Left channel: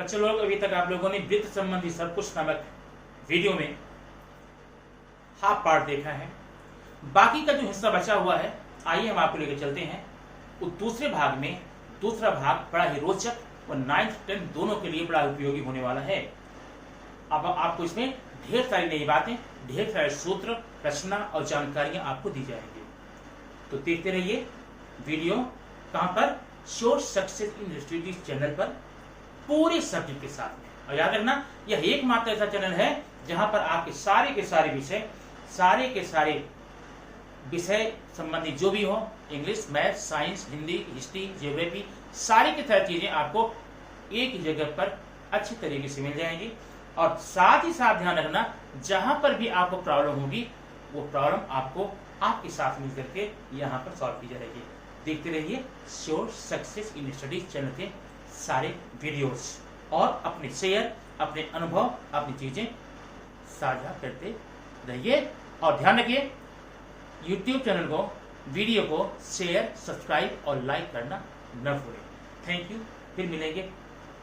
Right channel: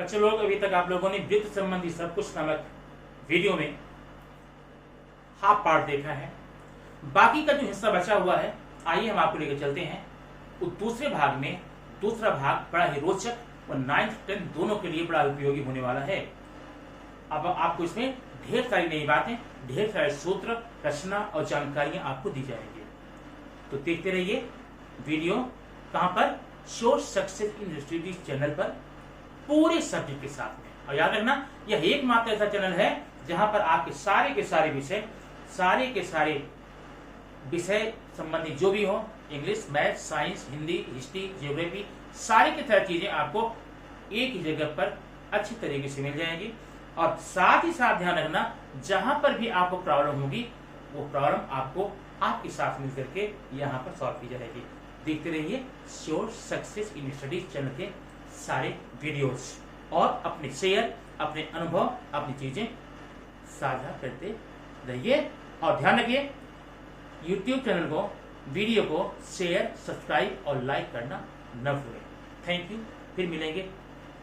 बच्चों लोग, अभी तक आप लोगों ने वृत्त संबंधी सब कुछ नामक वीडियो में हाफ पार्ट देखा है। बाकी का जो हिस्सा बचा हुआ है, आइए हम आपको लेकर चलते हैं उस दूसरे भाग में। दूसरा भाग बड़ा ही रोचक और 9th 10th दोनों के लिए बड़ा उपयोगी होने वाला है। अब आपको इसमें ढेर सारी नई बातें, ढेर सारे सूत्र, रचना और जानकारियां आपको दी जाएंगी। तो देखते रहिए वीडियो। कहां पर? Sure success in studies channel पर, पूरे सब्जेक्ट के साथ में। और याद रखना, यह एकमात्र ऐसा चैनल है जहां पर आपके सारे के सारे विषय संबंधी जो भी हो, English, math, science, Hindi, history, geography, सारी की सारी चीजें आपको एक ही जगह पर अच्छी तरीके से मिल जाएंगी। और साथ ही साथ ध्यान रखना, जहां पर भी आपको प्रॉब्लम होगी वो प्रॉब्लम आपको आपके साथ मिलकर के यहाँ पर सॉल्व की जाएगी। देखते रहिए sure success in studies channel के सारे वीडियोस और अपने शेयर, अपने अनुभव, अपनी चीजें साझा करते रहिए। और ध्यान रखिए, YouTube चैनल को, वीडियो को शेयर, सब्सक्राइब और लाइक करना न भूलें। Thank you. फिर मिलेंगे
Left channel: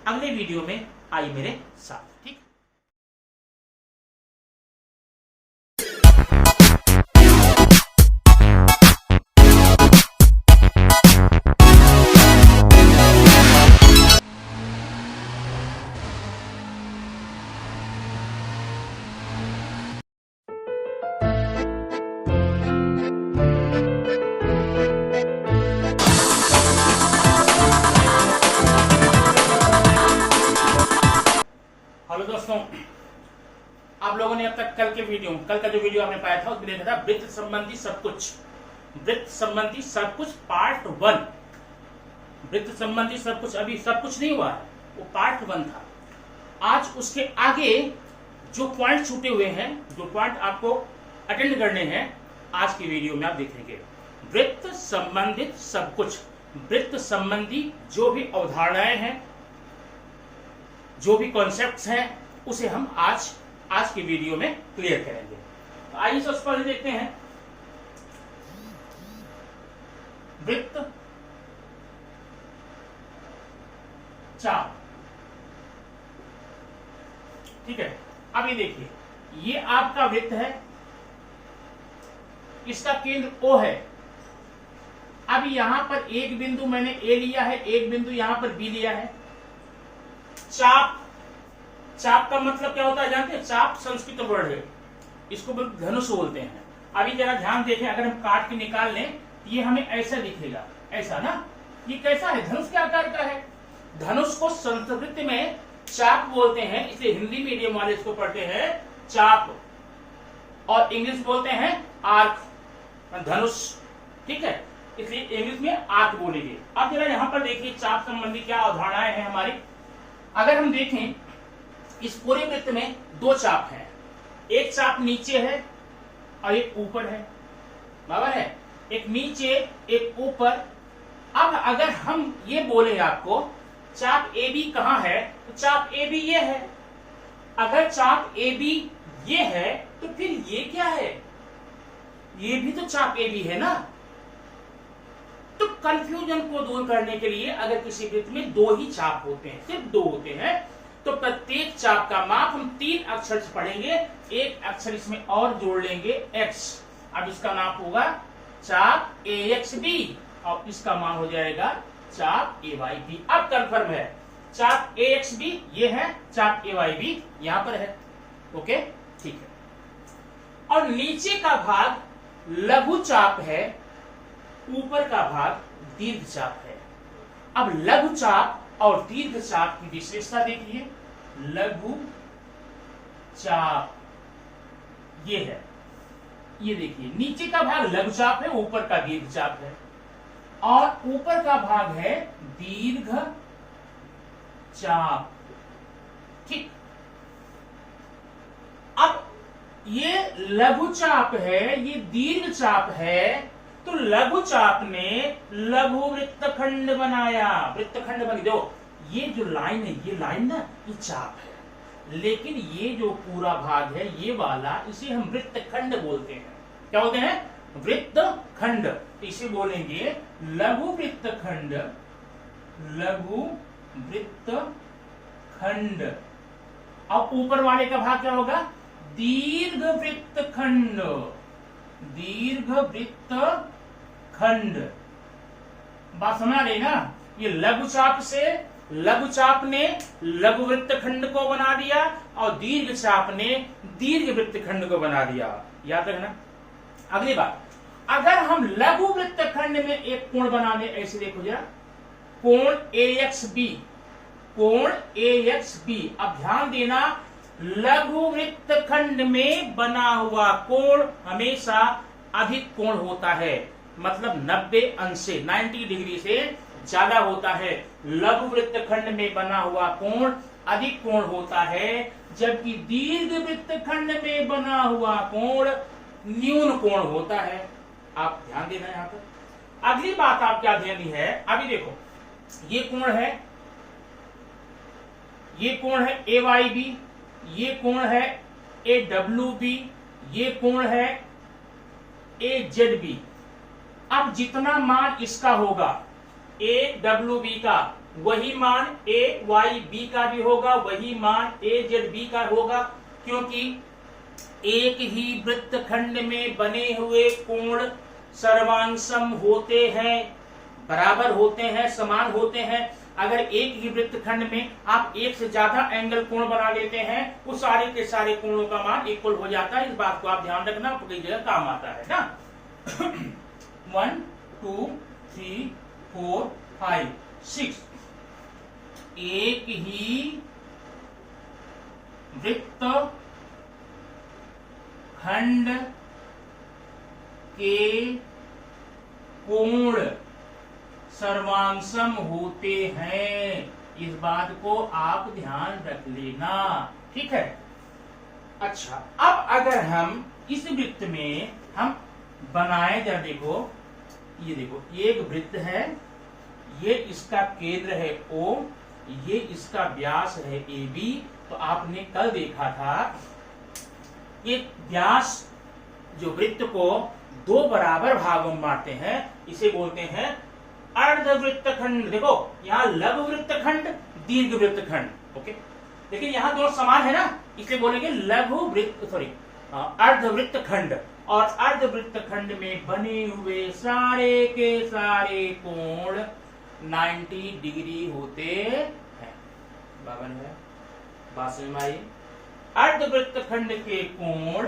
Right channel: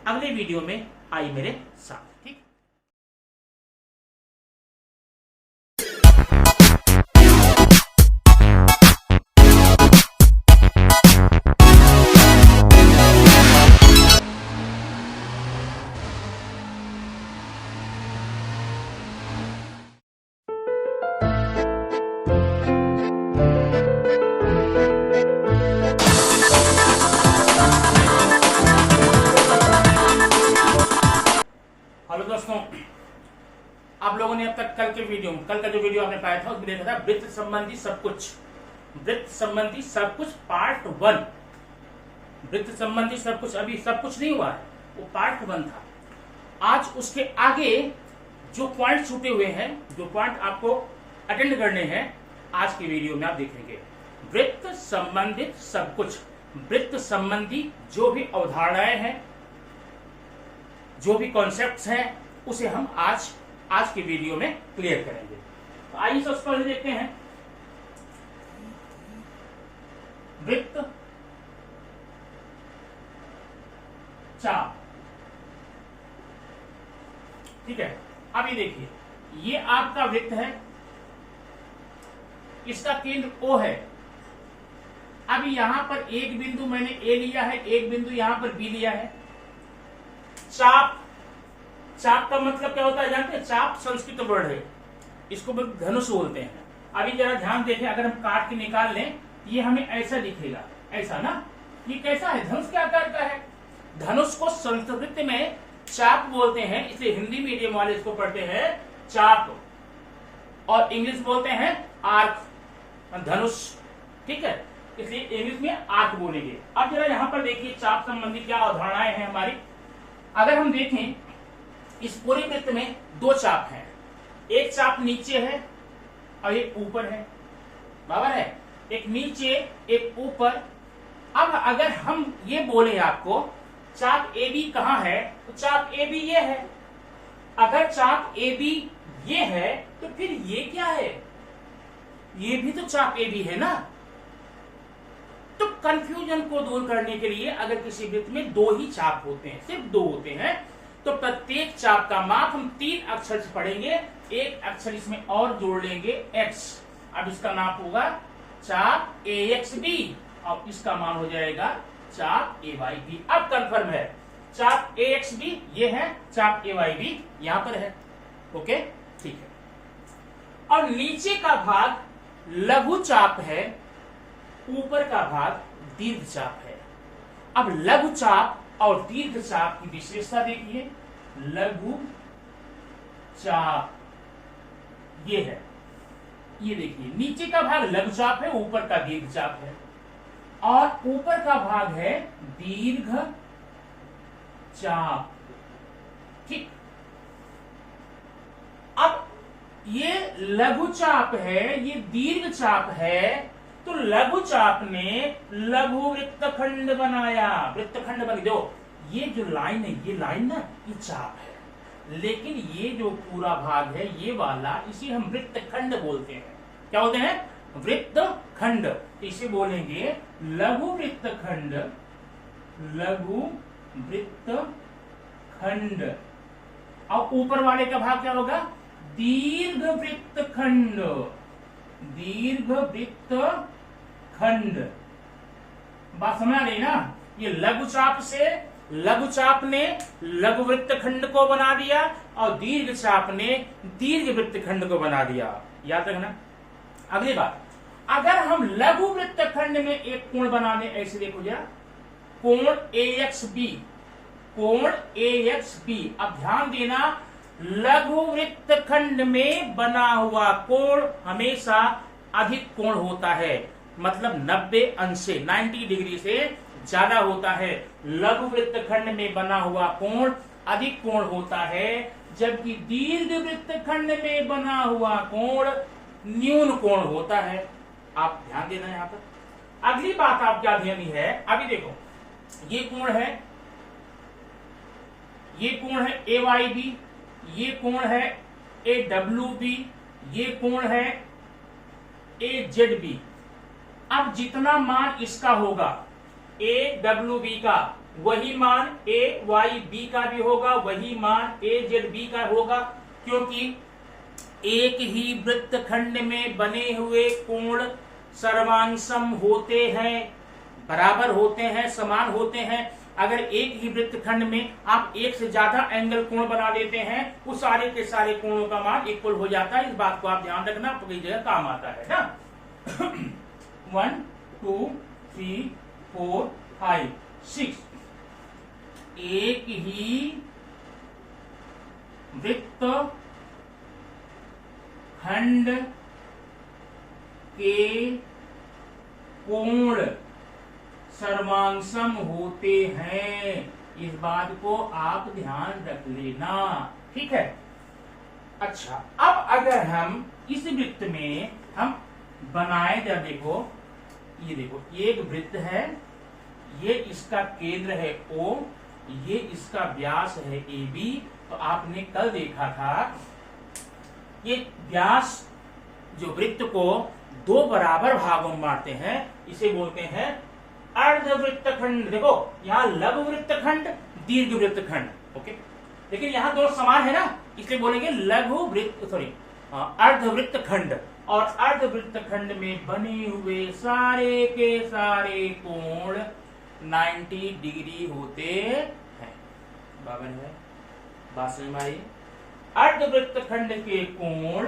अगले वीडियो में। आइए मेरे साथ, ठीक। हेलो दोस्तों, आप लोगों ने अब तक कल का जो वीडियो आपने पाया था उसमें देखा था वृत्त संबंधी सब कुछ पार्ट 1। वृत्त संबंधी सब कुछ अभी सब कुछ नहीं हुआ है, वो पार्ट 1 था। आज उसके आगे जो पॉइंट छूटे हुए हैं, जो पॉइंट आपको अटेंड करने हैं, आज की वीडियो में आप देखेंगे। वृत्त संबंधित सब कुछ, वृत्त संबंधी जो भी अवधारणाएं हैं, जो भी कॉन्सेप्ट्स हैं, उसे हम आज की वीडियो में क्लियर करेंगे। तो आइए सबसे पहले देखते हैं वृत्त चाप। ठीक है, अब ये देखिए, ये आपका वृत्त है, इसका केंद्र O है। अब यहां पर एक बिंदु मैंने A लिया है, एक बिंदु यहां पर B लिया है। चाप का मतलब क्या होता है जानते हैं? चाप संस्कृत वर्ड है, इसको धनुष बोलते हैं। अभी जरा ध्यान देखें, अगर हम काट के निकाल लें, ये हमें ऐसा दिखेगा, ऐसा ना। ये कैसा है? धनुष के आकार का है। धनुष को संस्कृत में चाप बोलते हैं, इसलिए हिंदी मीडियम वाले इसको पढ़ते हैं चाप, और इंग्लिश बोलते हैं आर्क, धनुष। ठीक है, इसलिए इंग्लिश में आर्क बोलेंगे। अब जरा यहां पर देखिए चाप संबंधी क्या अवधारणाएं हैं हमारी। अगर हम देखें, इस पूरे वृत्त में 2 चाप हैं, एक चाप नीचे है और एक ऊपर है, बराबर है? एक नीचे एक ऊपर। अब अगर हम ये बोले आपको चाप ए बी कहां है, तो चाप ए बी ये है। अगर चाप ए बी ये है तो फिर ये क्या है? ये भी तो चाप ए बी है ना। तो कंफ्यूजन को दूर करने के लिए, अगर किसी वृत्त में 2 ही चाप होते हैं, सिर्फ 2 होते हैं, तो प्रत्येक चाप का माप हम 3 अक्षर से पढ़ेंगे, एक अक्षर इसमें और जोड़ लेंगे x। अब इसका माप होगा चाप AXB और इसका मान हो जाएगा चाप AYB। अब कंफर्म है, चाप AXB ये है, चाप AYB यहां पर है। ओके, ठीक है। और नीचे का भाग लघु चाप है, ऊपर का भाग दीर्घ चाप है। अब लघु चाप और दीर्घ चाप की विशेषता देखिए। लघु चाप ये है, ये देखिए, नीचे का भाग लघु चाप है, ऊपर का दीर्घ चाप है, और ऊपर का भाग है दीर्घ चाप। ठीक, अब ये लघु चाप है, ये दीर्घ चाप है, तो लघु चाप ने लघु वृत्तखंड बनाया। वृत्तखंड बन दो, ये जो लाइन है, ये लाइन ना, ये चाप है, लेकिन ये जो पूरा भाग है, ये वाला, इसे हम वृत्तखंड बोलते हैं। क्या बोलते हैं? वृत्तखंड। इसे बोलेंगे लघु वृत्तखंड, लघु वृत्तखंड। खंड। और ऊपर वाले का भाग क्या होगा? दीर्घ वृत्त खंड। दीर्घ वृत्त खंड। बात समझ आ रही ना? ये लघु चाप से लघु चाप ने लघु वृत्त खंड को बना दिया और दीर्घ चाप ने दीर्घ वृत्त खंड को बना दिया। याद रखना। अगली बात, अगर हम लघु वृत्त खंड में एक कोण बना दें, ऐसे देखो जरा, कोण AXB, कोण AXB। अब ध्यान देना, लघु वृत्त खंड में बना हुआ कोण हमेशा अधिक कोण होता है, मतलब 90 अंश से 90 डिग्री से ज्यादा होता है। लघु वृत्त खंड में बना हुआ कोण अधिक कोण होता है, जबकि दीर्घ वृत्त खंड में बना हुआ कोण न्यून कोण होता है। आप ध्यान देना यहां पर। अगली बात आप क्या ध्यान है, अभी देखो, ये कोण है, ये कोण है AYB, ये कोण है AWB, ये कोण है AZB। अब जितना मान इसका होगा AWB का, वही मान AYB का भी होगा, वही मान AZB का होगा, क्योंकि एक ही वृत्त खंड में बने हुए कोण सर्वांशम होते हैं, बराबर होते हैं, समान होते हैं। अगर एक ही वृत्त खंड में आप एक से ज्यादा एंगल कोण बना लेते हैं, उस सारे के सारे कोणों का मान इक्वल हो जाता है। इस बात को आप ध्यान रखना, तो कई जगह काम आता है ना। 1 2 3 4 5 6 एक ही वृत्त खंड के कोण सर्वांशम होते हैं। इस बात को आप ध्यान रख लेना, ठीक है। अच्छा, अब अगर हम इस वृत्त में हम बनाए, जरा देखो, ये देखो, एक वृत्त है, ये इसका केंद्र है O, ये इसका व्यास है AB। तो आपने कल देखा था, ये व्यास जो वृत्त को दो बराबर भागों में बांटते हैं, इसे बोलते हैं अर्धवृत्त खंड। देखो, यहाँ लघु वृत्त खंड, दीर्घ वृत्त खंड, ओके। लेकिन यहाँ दोनों समान है ना, इसलिए बोलेंगे लघु वृत्त, सॉरी, अर्धवृत्त खंड। और अर्धवृत्त खंड में बने हुए सारे के सारे कोण 90 डिग्री होते हैं। बराबर है, बात समझ में आई? अर्धवृत्त खंड के कोण,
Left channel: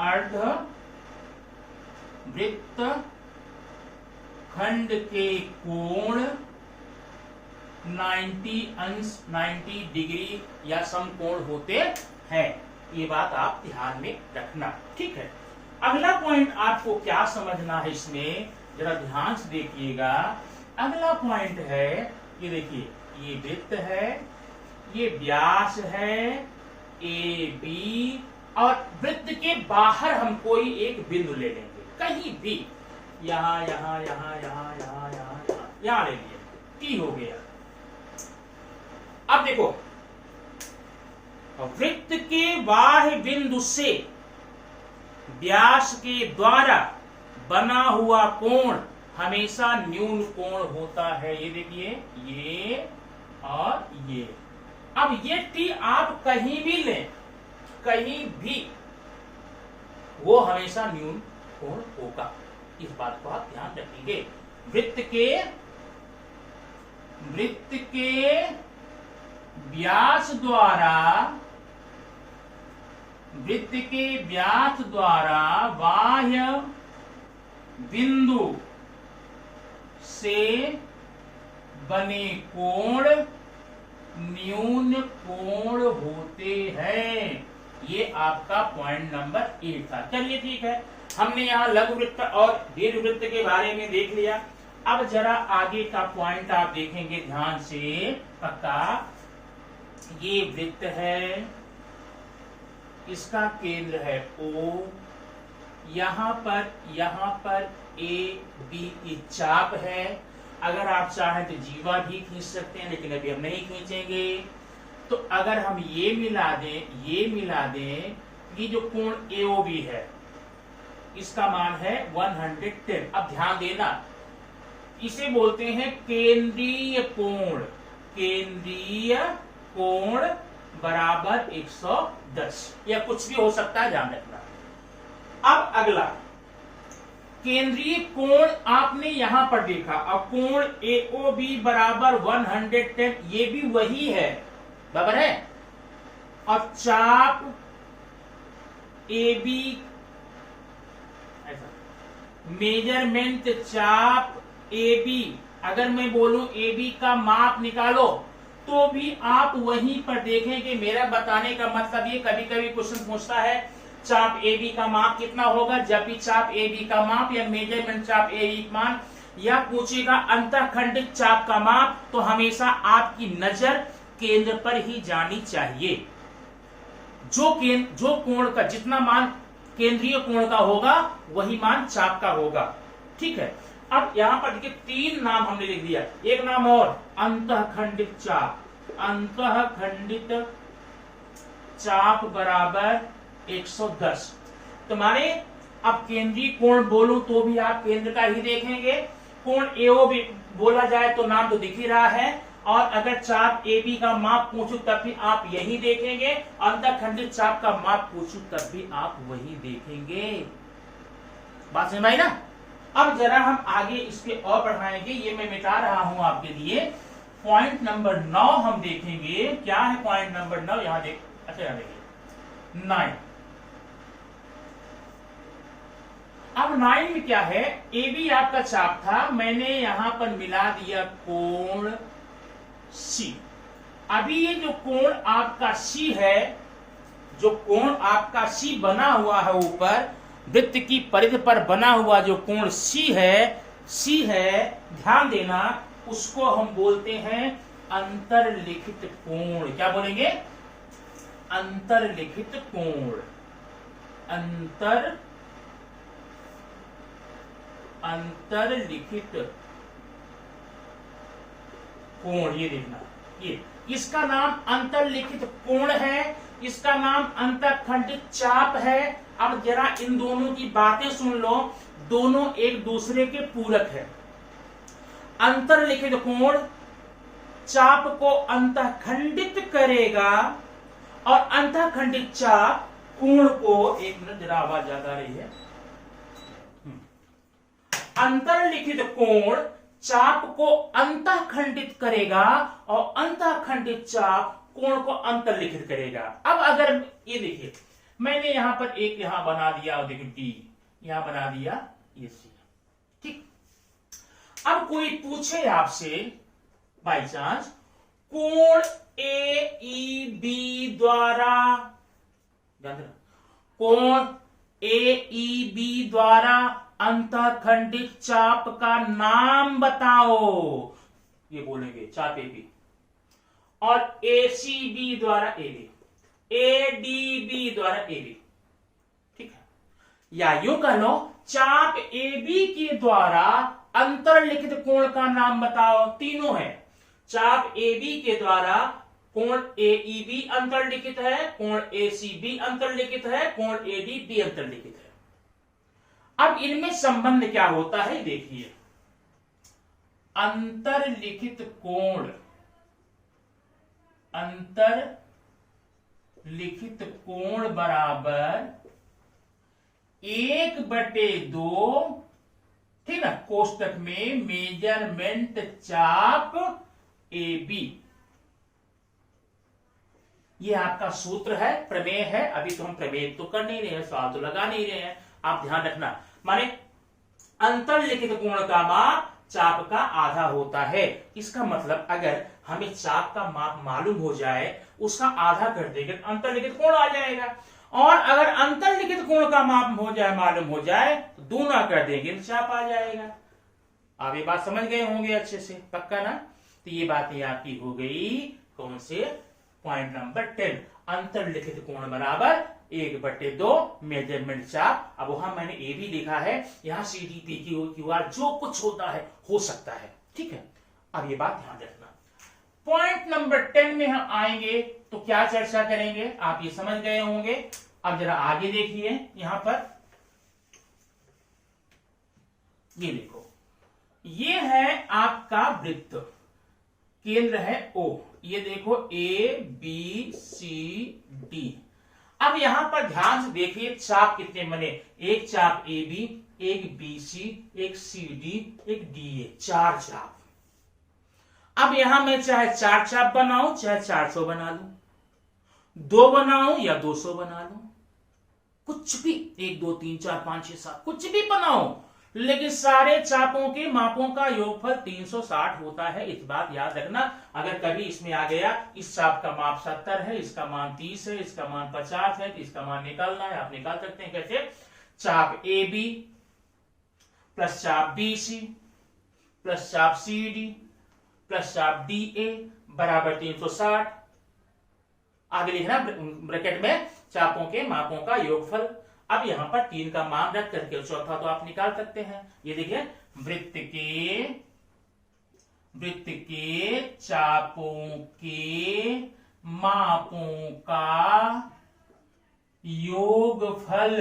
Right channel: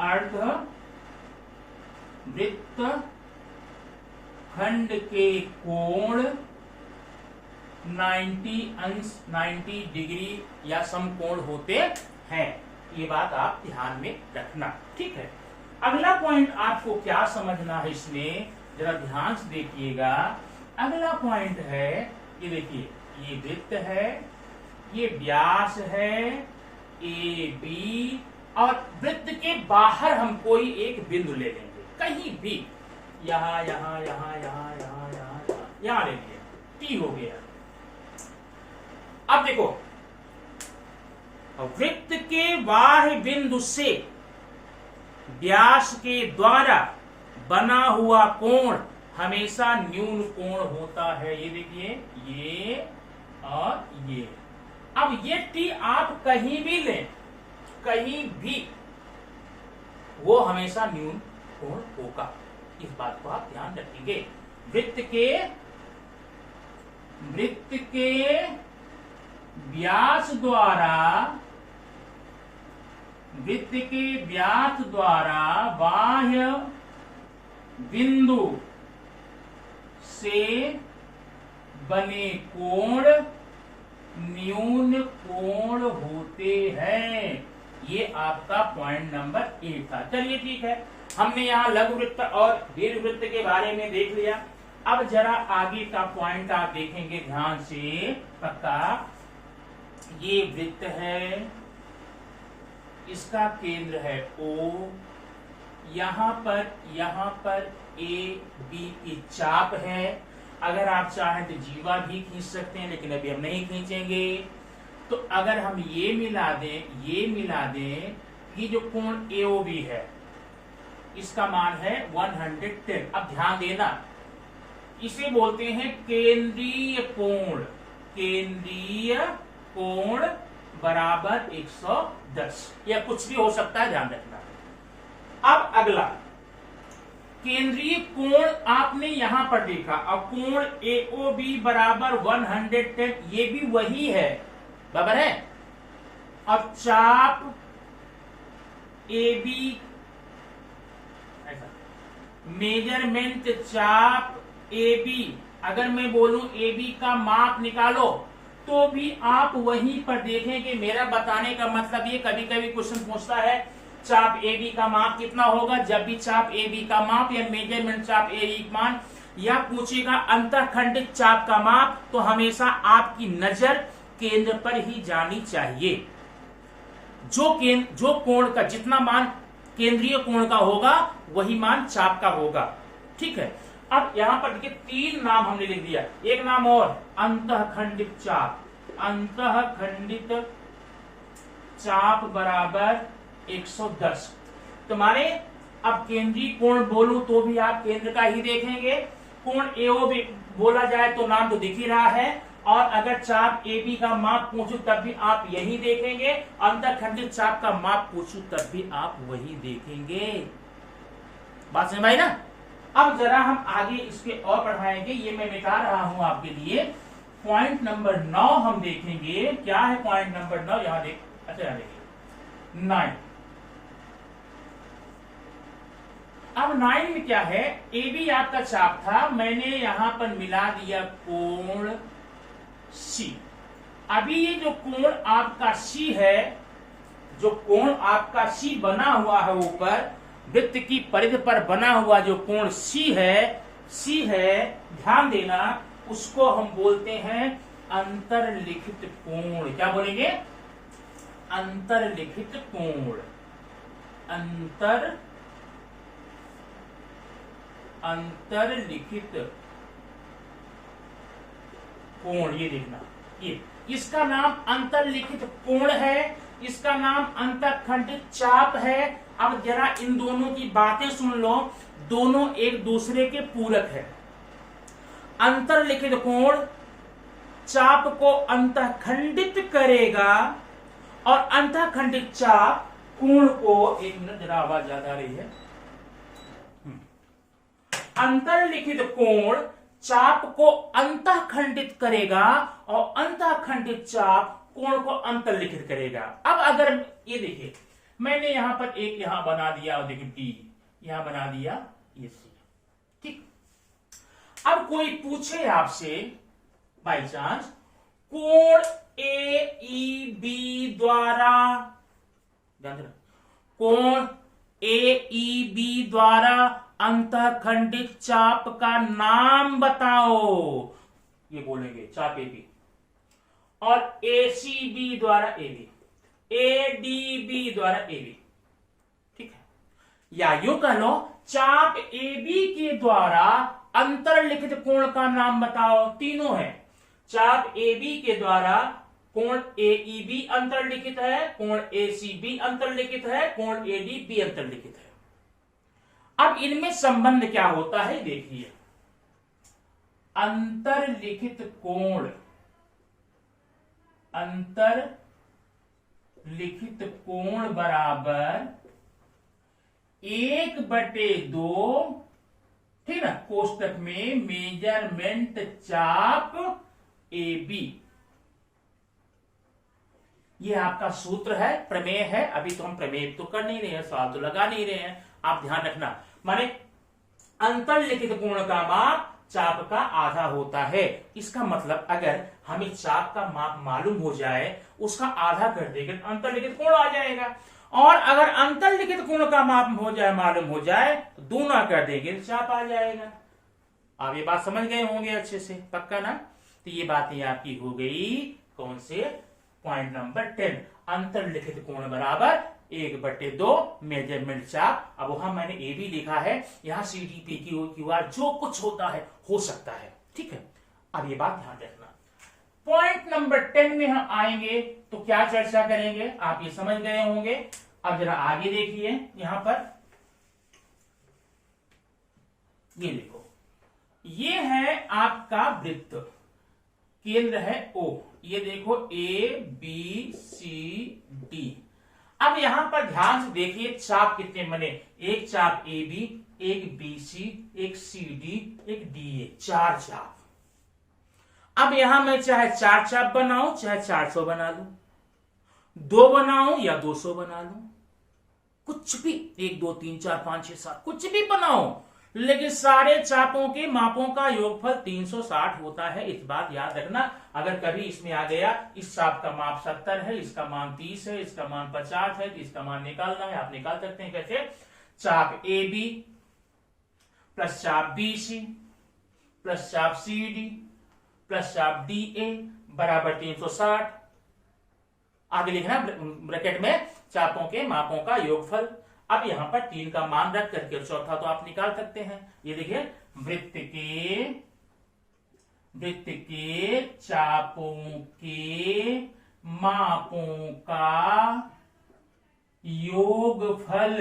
अर्धवृत्त खंड के कोण 90 डिग्री या समकोण होते हैं। ये बात आप ध्यान में रखना, ठीक है। अगला पॉइंट आपको क्या समझना है इसमें, जरा ध्यान से देखिएगा। अगला पॉइंट है, ये देखिए, ये वृत्त है, ये व्यास है AB, और वृत्त के बाहर हम कोई एक बिंदु ले लेंगे, कहीं भी, यहां यहां यहां यहां यहां यहां यहां ले लिया, T हो गया। अब देखो, वृत्त के बाह्य बिंदु से व्यास के द्वारा बना हुआ कोण हमेशा न्यून कोण होता है। ये देखिए, ये और ये। अब ये T आप कहीं भी लें, कहीं भी, वो हमेशा न्यून कोण होगा। इस बात को आप ध्यान रखेंगे। वृत्त के व्यास द्वारा, वृत्त के व्यास द्वारा बाह्य बिंदु से बने कोण न्यून कोण होते हैं। ये आपका पॉइंट नंबर 8 था। चलिए ठीक है, हमने यहाँ लघु वृत्त और दीर्घ वृत्त के बारे में देख लिया। अब जरा आगे का पॉइंट आप देखेंगे ध्यान से, पक्का। ये वृत्त है, इसका केंद्र है O, यहाँ पर A B की चाप है। अगर आप चाहें तो जीवा भी खींच सकते हैं, लेकिन अभी हम नहीं खींचेंगे। तो अगर हम ये मिला दें, ये जो कोण AOB है, इसका मान है 110। अब ध्यान देना, इसे बोलते हैं केंद्रीय कोण। केंद्रीय कोण बराबर 110, या कुछ भी हो सकता है, ध्यान रखना। अब अगला केंद्रीय कोण आपने यहां पर देखा, अब कोण AOB बराबर 110, ये भी वही है, बराबर है। अब चाप AB, ऐसा मेजरमेंट चाप AB, अगर मैं बोलूं AB का माप निकालो, तो भी आप वहीं पर देखें कि मेरा बताने का मतलब ये, कभी कभी क्वेश्चन पूछता है चाप AB का माप कितना होगा, जब भी चाप AB का माप या मेजरमेंट चाप AB का मान, या पूछेगा अंतःखंडित चाप का माप, तो हमेशा आपकी नजर केंद्र पर ही जानी चाहिए। जो कोण का जितना मान केंद्रीय कोण का होगा, वही मान चाप का होगा, ठीक है। अब यहां पर देखिए 3 नाम हमने लिख दिया, एक नाम और, अंतःखंडित चाप। अंतःखंडित चाप बराबर 110। तुम्हारे अब केंद्रीय कोण बोलूं तो भी आप केंद्र का ही देखेंगे, कोण AOB बोला जाए तो नाम तो दिख ही रहा है, और अगर चाप AB का माप पूछूं तब भी आप यही देखेंगे, अंतःखंडित चाप का माप पूछूं तब भी आप वही देखेंगे। बात समझ आई ना। अब जरा हम आगे इसके और बढ़ाएंगे, ये मैं मिटा रहा हूं आपके लिए। पॉइंट नंबर 9 हम देखेंगे, क्या है पॉइंट नंबर 9, यहां देख, अच्छा यहां देखिए 9। अब 9 में क्या है, AB आपका चाप था, मैंने यहां पर मिला दिया कोण C। अभी ये जो कोण आपका C है, जो कोण आपका C बना हुआ है ऊपर वृत्त की परिधि पर बना हुआ जो कोण C है, ध्यान देना, उसको हम बोलते हैं अंतर्लिखित कोण। क्या बोलेंगे? अंतर्लिखित कोण। अंतर्लिखित कोण, ये देखना, ये इसका नाम अंतर्लिखित कोण है, इसका नाम अंतःखंडित चाप है। अब जरा इन दोनों की बातें सुन लो, दोनों एक दूसरे के पूरक है। अंतर्लिखित कोण चाप को अंतःखंडित करेगा, और अंतःखंडित चाप कोण को, एक मिनट जरा आवाज ज्यादा आ रही है, अंतर्लिखित कोण चाप को अंतःखंडित करेगा, और अंतःखंडित चाप कोण को अंतर्लिखित करेगा। अब अगर ये देखिए, मैंने यहां पर एक यहां बना दिया, और देखिए D यहां बना दिया, ये C, ठीक। अब कोई पूछे आपसे बाई चांस, कोण AEB द्वारा, कोण AEB द्वारा अंतःखंडित चाप का नाम बताओ, ये बोलेंगे चाप AB, और ACB द्वारा AB, ADB द्वारा AB, ठीक है। या यूं कह लो, चाप AB के द्वारा अंतर्लिखित कोण का नाम बताओ, तीनों है। चाप AB के द्वारा कोण AEB अंतर्लिखित है, कोण ACB अंतर्लिखित है, कोण ADB अंतर्लिखित है। अब इनमें संबंध क्या होता है देखिए, अंतर्लिखित कोण, अंतर्लिखित कोण बराबर 1/2, ठीक ना, कोष्टक में मेजरमेंट चाप AB। ये आपका सूत्र है, प्रमेय है। अभी तो हम प्रमेय तो कर नहीं रहे हैं, सवाल तो लगा नहीं रहे हैं, आप ध्यान रखना। माने अंतर्लिखित कोण का माप चाप का आधा होता है। इसका मतलब अगर हमें चाप का माप मालूम हो जाए, उसका आधा कर देंगे तो अंतर्लिखित कोण आ जाएगा, और अगर अंतर्लिखित कोण का माप हो जाए, मालूम हो जाए, तो दूना कर देंगे तो चाप आ जाएगा। आप ये बात समझ गए होंगे अच्छे से, पक्का ना। तो ये बातें आपकी हो गई कौन से, पॉइंट नंबर 10, अंतर्लिखित कोण बराबर 1/2 मेजरमेंट चाप। अब वहां मैंने ए भी लिखा है, यहां CDP QR जो कुछ होता है हो सकता है, ठीक है। अब ये बात ध्यान रखना। पॉइंट नंबर 10 में हम आएंगे तो क्या चर्चा करेंगे, आप ये समझ गए होंगे। अब जरा आगे देखिए, यहां पर ये देखो, ये है आपका वृत्त, केंद्र है O। ये देखो ABCD। अब यहां पर ध्यान से देखिए चाप कितने बने, एक चाप AB, एक BC, एक CD, एक DA, 4 चाप। अब यहां मैं चाहे 4 चाप बनाऊं चाहे 400 बना लूं, 2 बनाऊं या 200 बना लूं, कुछ भी, 1 2 3 4 5 6 7 कुछ भी बनाओ, लेकिन सारे चापों के मापों का योगफल 360 होता है। इस बात याद रखना। अगर कभी इसमें आ गया इस चाप का माप 70 है, इसका मान 30 है, इसका मान 50 है, तो इसका मान निकालना है, आप निकाल सकते हैं। कैसे? चाप AB प्लस चाप BC प्लस चाप CD प्लस चाप DA बराबर 360। आगे लिखना ब्रैकेट में चापों के मापों का योगफल। अब यहां पर 3 का मान रख करके चौथा तो आप निकाल सकते हैं। ये देखिए वृत्त के चापों के मापों का योगफल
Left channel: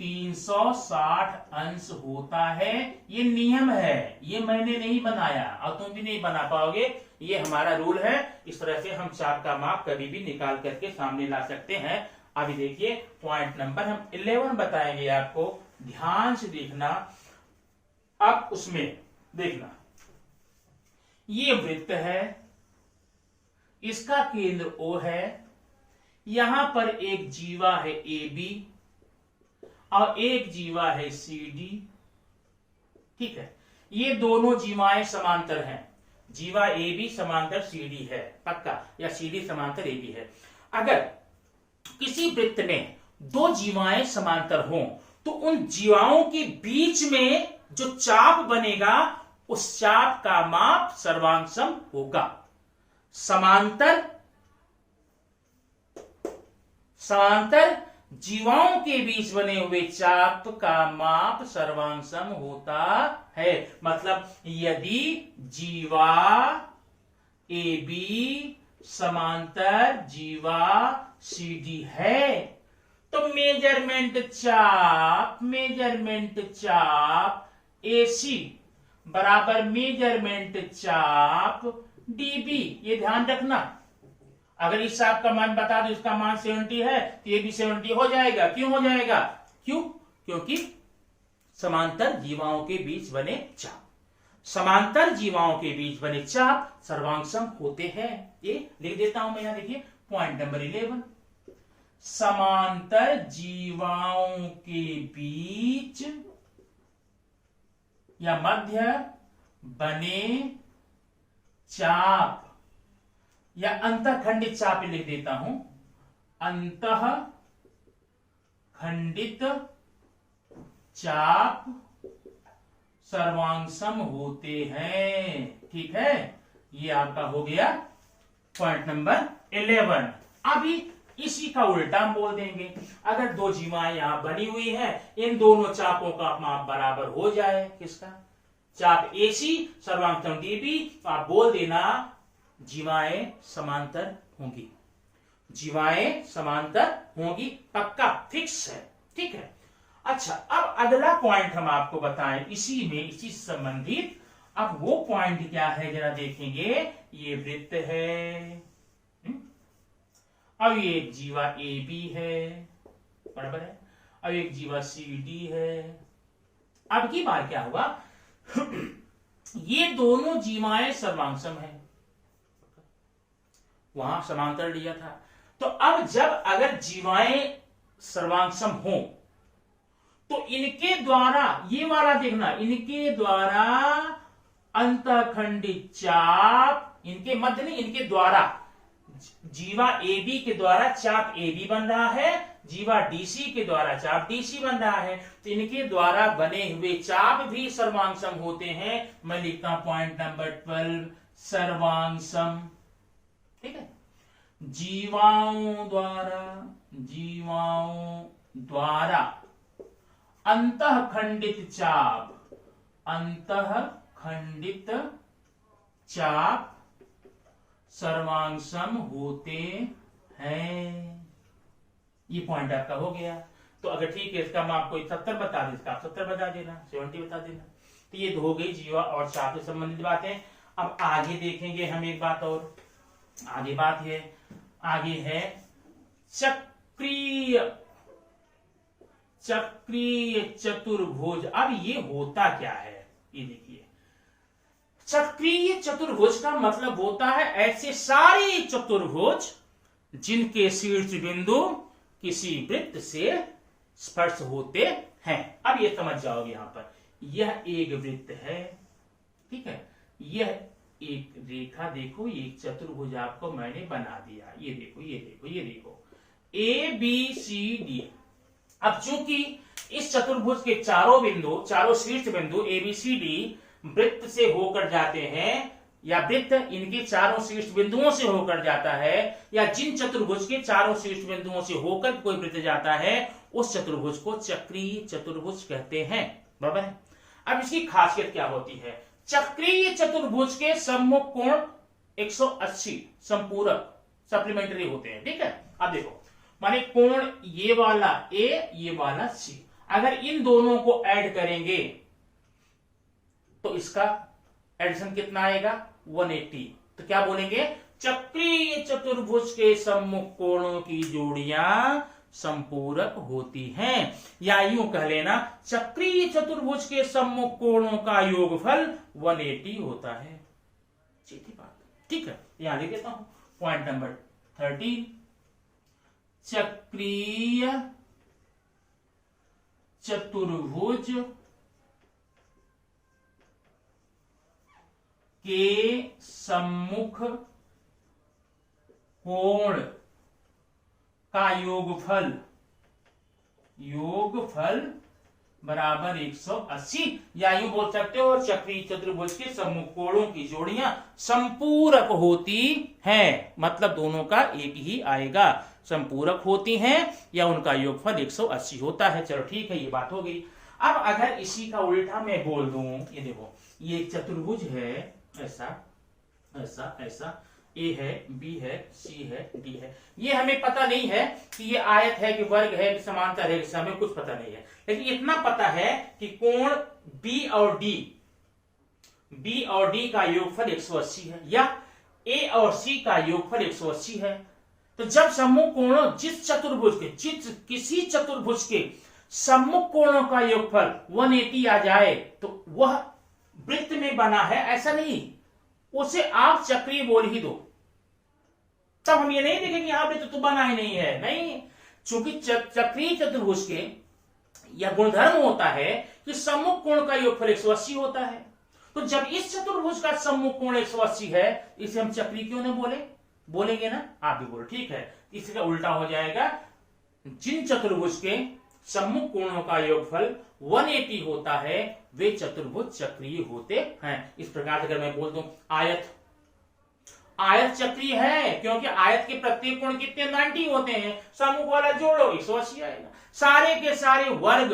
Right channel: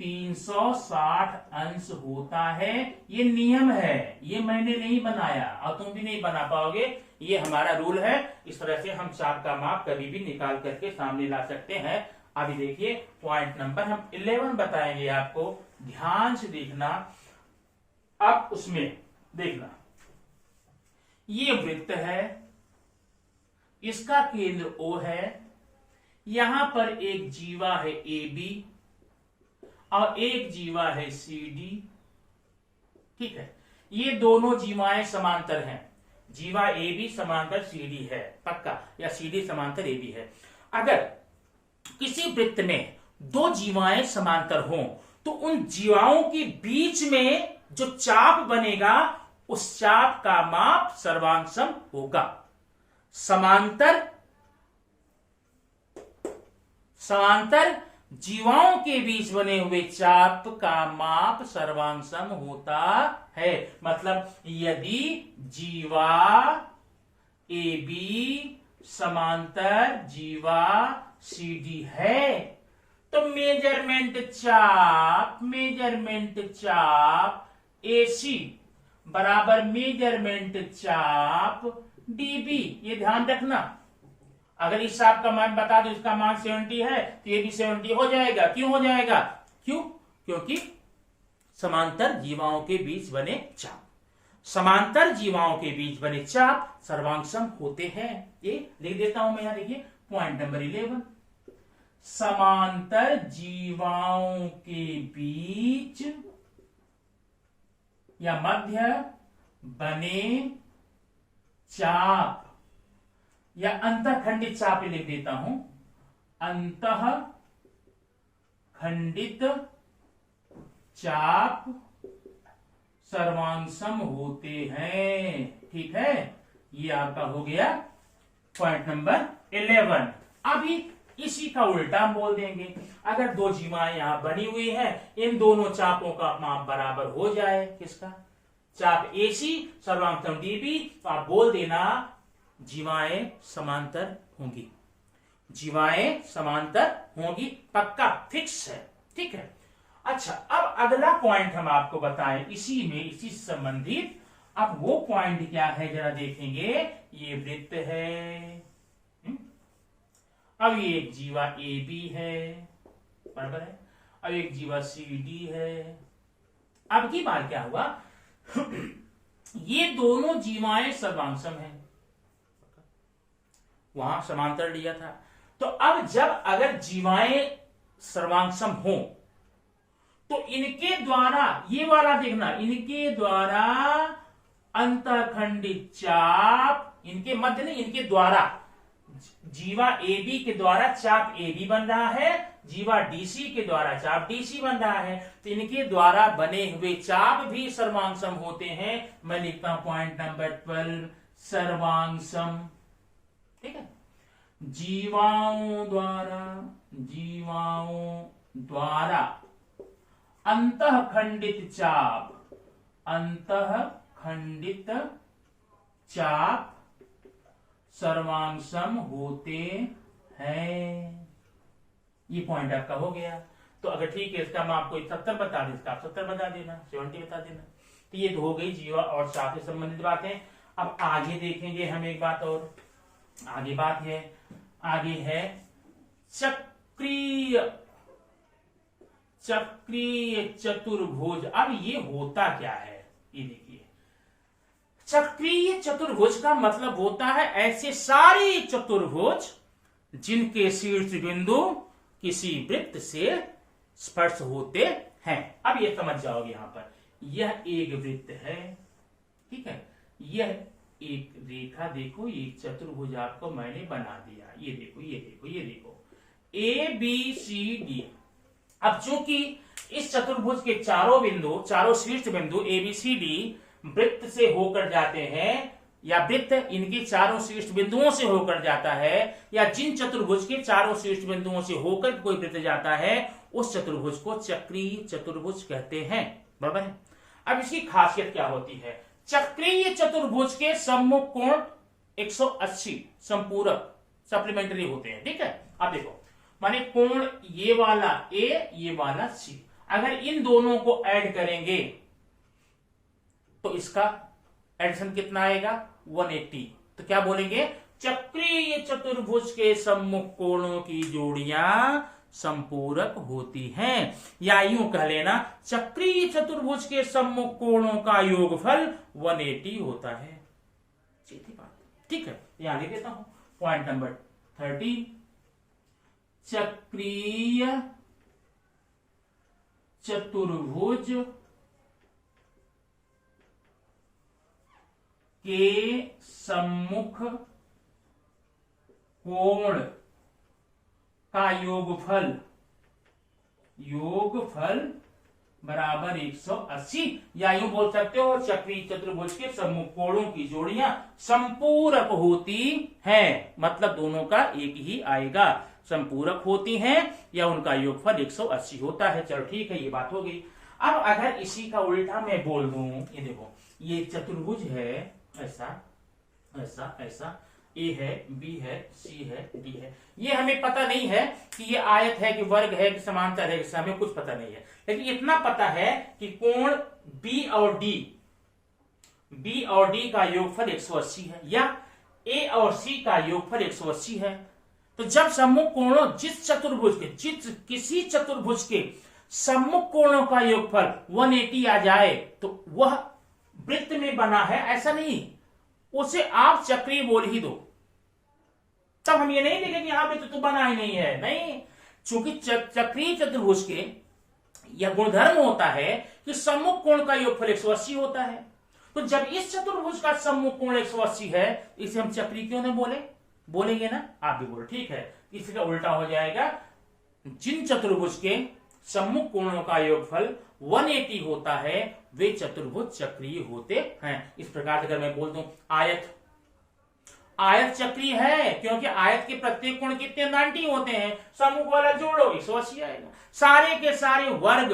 360 अंश होता है। ये नियम है, ये मैंने नहीं बनाया और तुम भी नहीं बना पाओगे, ये हमारा रूल है। इस तरह से हम चाप का माप कभी भी निकाल करके सामने ला सकते हैं। अभी देखिए पॉइंट नंबर हम 11 बताएंगे आपको, ध्यान से देखना। अब उसमें देखना, ये वृत्त है, इसका केंद्र O है, यहां पर एक जीवा है AB और एक जीवा है CD। ठीक है, ये दोनों जीवाएं समांतर हैं। जीवा AB समांतर CD है पक्का, या CD समांतर AB है। अगर किसी वृत्त में 2 जीवाएं समांतर हों तो उन जीवाओं के बीच में जो चाप बनेगा उस चाप का माप सर्वांग होगा। समांतर जीवाओं के बीच बने हुए चाप का माप सर्वांग होता है। मतलब यदि जीवा AB समांतर जीवा CD है तो मेजरमेंट चाप AC बराबर मेजरमेंट चाप DB। ये ध्यान रखना। अगर इस चाप का मान बता दो, इसका मान 70 है तो ये भी 70 हो जाएगा। क्यों हो जाएगा? क्योंकि समांतर जीवाओं के बीच बने चाप, समांतर जीवाओं के बीच बने चाप सर्वांग होते हैं। ये लिख देता हूं मैं, यहां देखिए पॉइंट नंबर 11, समांतर जीवाओं के बीच या मध्य बने चाप या अंतःखंडित चाप लिख देता हूं, अंतःखंडित चाप सर्वांग होते हैं। ठीक है, ये आपका हो गया पॉइंट नंबर 11। अभी इसी का उल्टा हम बोल देंगे। अगर 2 जीवाएं यहां बनी हुई हैं, इन दोनों चापों का माप बराबर हो जाए, किसका? चाप AC सर्वांग DB, तो आप बोल देना जीवाएं समांतर होंगी, जीवाएं समांतर होंगी, पक्का फिक्स है। ठीक है। अच्छा, अब अगला पॉइंट हम आपको बताएं इसी में, इसी संबंधित। अब वो पॉइंट क्या है जरा देखेंगे। ये वृत्त है, अब ये एक जीवा AB है, बराबर है, अब एक जीवा CD है। अब की बार क्या हुआ ये दोनों जीवाएं सर्वांग हैं, वहां समांतर लिया था। तो अब जब अगर जीवाएं सर्वांग हो तो इनके द्वारा, ये वाला देखना, इनके द्वारा अंतःखंडित चाप, इनके मध्य नहीं, इनके द्वारा, जीवा AB के द्वारा चाप AB बन रहा है, जीवा DC के द्वारा चाप DC बन रहा है, तो इनके द्वारा बने हुए चाप भी सर्वांग होते हैं। मैं लिखता हूं पॉइंट नंबर 12, सर्वांग। ठीक है, जीवाओं द्वारा अंतःखंडित चाप सर्वांग होते हैं। ये पॉइंट आपका हो गया। तो अगर ठीक है, इसका मैं आपको 70 बता दें, इसका आप 70 बता देना, 70 बता देना। तो ये हो गई जीवा और चाप से संबंधित बातें। अब आगे देखेंगे हम एक बात और, आगे बात है, आगे है चक्रीय चतुर्भुज। अब ये होता क्या है, ये देखिए, चक्रीय चतुर्भुज का मतलब होता है ऐसे सारे चतुर्भुज जिनके शीर्ष बिंदु किसी वृत्त से स्पर्श होते हैं। अब ये समझ जाओगे, यहां पर यह एक वृत्त है, ठीक है, यह एक रेखा, देखो ये चतुर्भुज आपको मैंने बना दिया, ये देखो ये देखो ये देखो, ए बी सी डी। अब चूंकि इस चतुर्भुज के चारों बिंदु, चारों शीर्ष बिंदु ए बी सी डी वृत्त से होकर जाते हैं, या वृत्त इनके चारों शीर्ष बिंदुओं से होकर जाता है, या जिन चतुर्भुज के चारों शीर्ष बिंदुओं से होकर कोई वृत्त जाता है, उस चतुर्भुज को चक्रीय चतुर्भुज कहते हैं। बराबर है। अब इसकी खासियत क्या होती है, चक्रीय चतुर्भुज के सम्मुख कोण 180 संपूरक सप्लीमेंट्री होते हैं, ठीक है। अब देखो, माने कोण ये वाला ए, ये वाला सी, अगर इन दोनों को ऐड करेंगे तो इसका एडिशन कितना आएगा, 180। तो क्या बोलेंगे, चक्रीय चतुर्भुज के सम्मुख कोणों की जोड़ियां संपूरक होती हैं, या यूं कह लेना, चक्रीय चतुर्भुज के सम्मुख कोणों का योगफल 180 होता है। सीधी बात, ठीक है। यहां लिख देता हूं पॉइंट नंबर 13, चक्रीय चतुर्भुज के सम्मुख कोण का योगफल बराबर 180, या यूं बोल सकते हो, चक्रीय चतुर्भुज के सम्मुख कोणों की जोड़ियां संपूरक होती हैं, मतलब दोनों का एक ही आएगा, संपूरक होती हैं या उनका योगफल 180 होता है। चलो ठीक है, ये बात हो गई। अब अगर इसी का उल्टा मैं बोल दूं, ये देखो, ये चतुर्भुज है, ऐसा ऐसा ऐसा, ए है, बी है, सी है, डी है। ये हमें पता नहीं है कि ये आयत है कि वर्ग है कि समांतर है, कि हमें कुछ पता नहीं है, लेकिन इतना पता है कि कोण बी और डी का योगफल 180 है, या ए और सी का योगफल 180 है। तो जब सम्मुख कोणों, किसी चतुर्भुज के सम्मुख कोणों का योगफल 180 आ जाए, तो वह वृत्त में बना है, ऐसा नहीं, उसे आप चक्रीय बोल ही दो। तब हम ये नहीं देखेंगे यहां पे तो बना ही नहीं है, नहीं, चूंकि चक्रीय चतुर्भुज के यह गुणधर्म होता है कि सम्मुख कोण का योगफल 180 होता है। तो जब इस चतुर्भुज का सम्मुख कोण 180 है, इसे हम चक्रीय क्यों नहीं बोलेंगे ना, आप भी बोलो, ठीक है। इसका उल्टा हो जाएगा, जिन चतुर्भुज के सम्मुख कोणों का योगफल 180 होता है, वे चतुर्भुज चक्रीय होते हैं। इस प्रकार से अगर मैं बोल दूं, आयत चक्रीय है, क्योंकि आयत के प्रत्येक कोण कितने, 90 होते हैं, सम्मुख वाला जोड़ो 180 आएगा। सारे के सारे वर्ग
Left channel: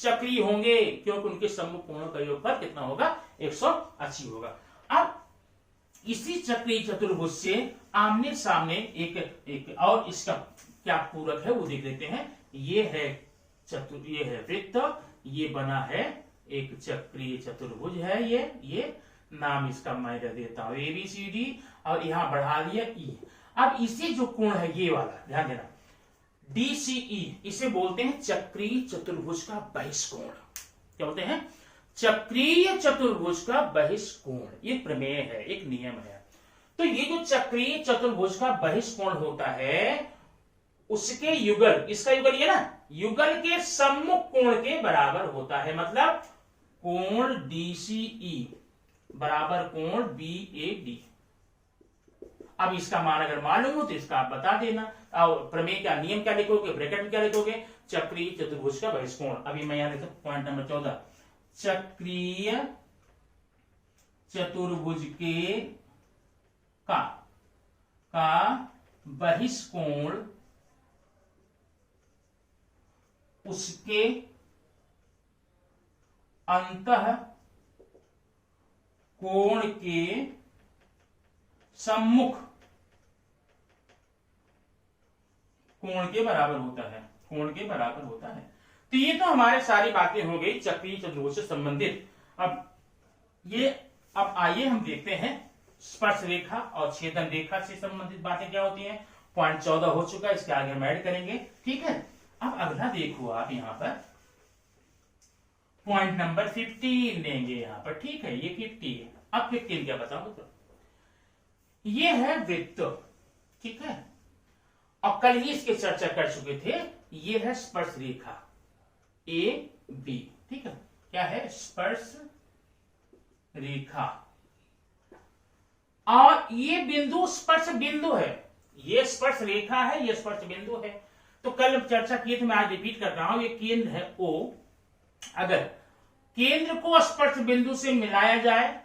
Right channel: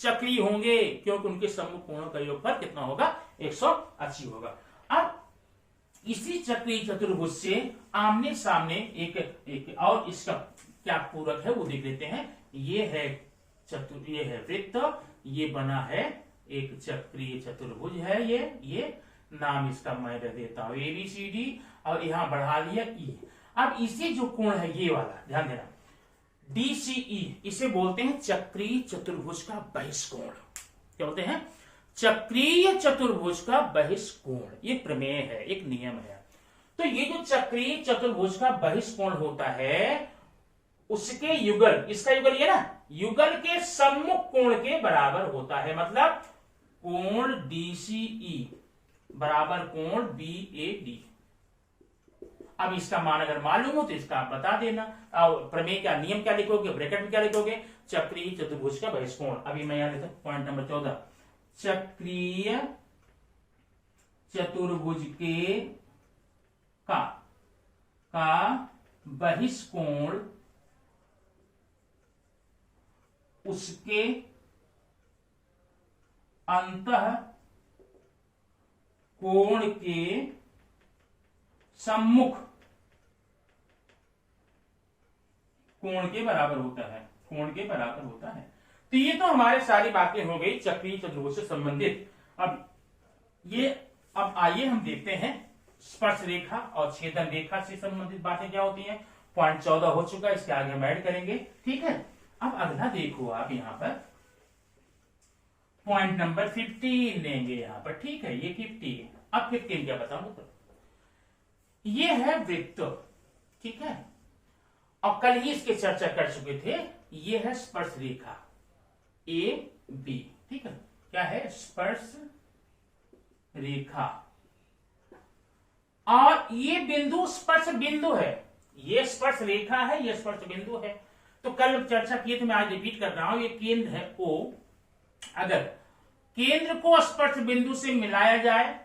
चक्रीय होंगे, क्योंकि उनके सम्मुख कोणों का योगफल कितना होगा, 180 होगा। अब इसी चक्रीय चतुर्भुज से आमने सामने एक और इसका क्या पूरक है वो देख लेते हैं। ये है वृत्त, ये बना है एक चक्रीय चतुर्भुज है, ये नाम इसका मैं दे देता हूं ABCD, और यहां बढ़ा दिया E। अब इसे जो कोण है ये वाला, ध्यान देना, DCE, इसे बोलते हैं चक्रीय चतुर्भुज का बहिष्कोण। क्या बोलते हैं, चक्रीय चतुर्भुज का बहिष्कोण। ये प्रमेय है, एक नियम है। तो ये जो चक्रीय चतुर्भुज का बहिष्कोण होता है, उसके युगल, इसका युगल ये ना, युगल के सम्मुख कोण के बराबर होता है। मतलब कोण DCE बराबर कोण BAD। अब इसका मान अगर मालूम हो तो इसका आप बता देना, और प्रमेय का नियम क्या लिखोगे, ब्रैकेट में क्या लिखोगे, चक्रीय चतुर्भुज का बहिष्कोण। अभी मैं यहां लिखता हूं पॉइंट नंबर 14, चक्रीय चतुर्भुज का बहिष्कोण उसके अंतः कोण के सम्मुख कोण के बराबर होता है। तो ये तो हमारे सारी बातें हो गई चक्रीय चतुर्भुज से संबंधित। अब ये, अब आइए हम देखते हैं स्पर्श रेखा और छेदन रेखा से संबंधित बातें क्या होती हैं। पॉइंट 14 हो चुका है, इसके आगे हम ऐड करेंगे, ठीक है। अब अगला देखो आप यहाँ पर पॉइंट नंबर 15 लेंगे यहाँ पर, ठीक है, ये 50 है। अब 15 क्या बताऊं, तो ये है वृत्त, ठीक है, और कल ही इसके चर्चा कर चुके थे। ये है स्पर्श रेखा ए बी, ठीक है, क्या है, स्पर्श रेखा, और ये बिंदु स्पर्श बिंदु है, ये स्पर्श रेखा है, ये स्पर्श बिंदु है। तो कल चर्चा किए थे, मैं आज रिपीट कर रहा हूं। ये केंद्र है O, अगर केंद्र को स्पर्श बिंदु से मिलाया जाए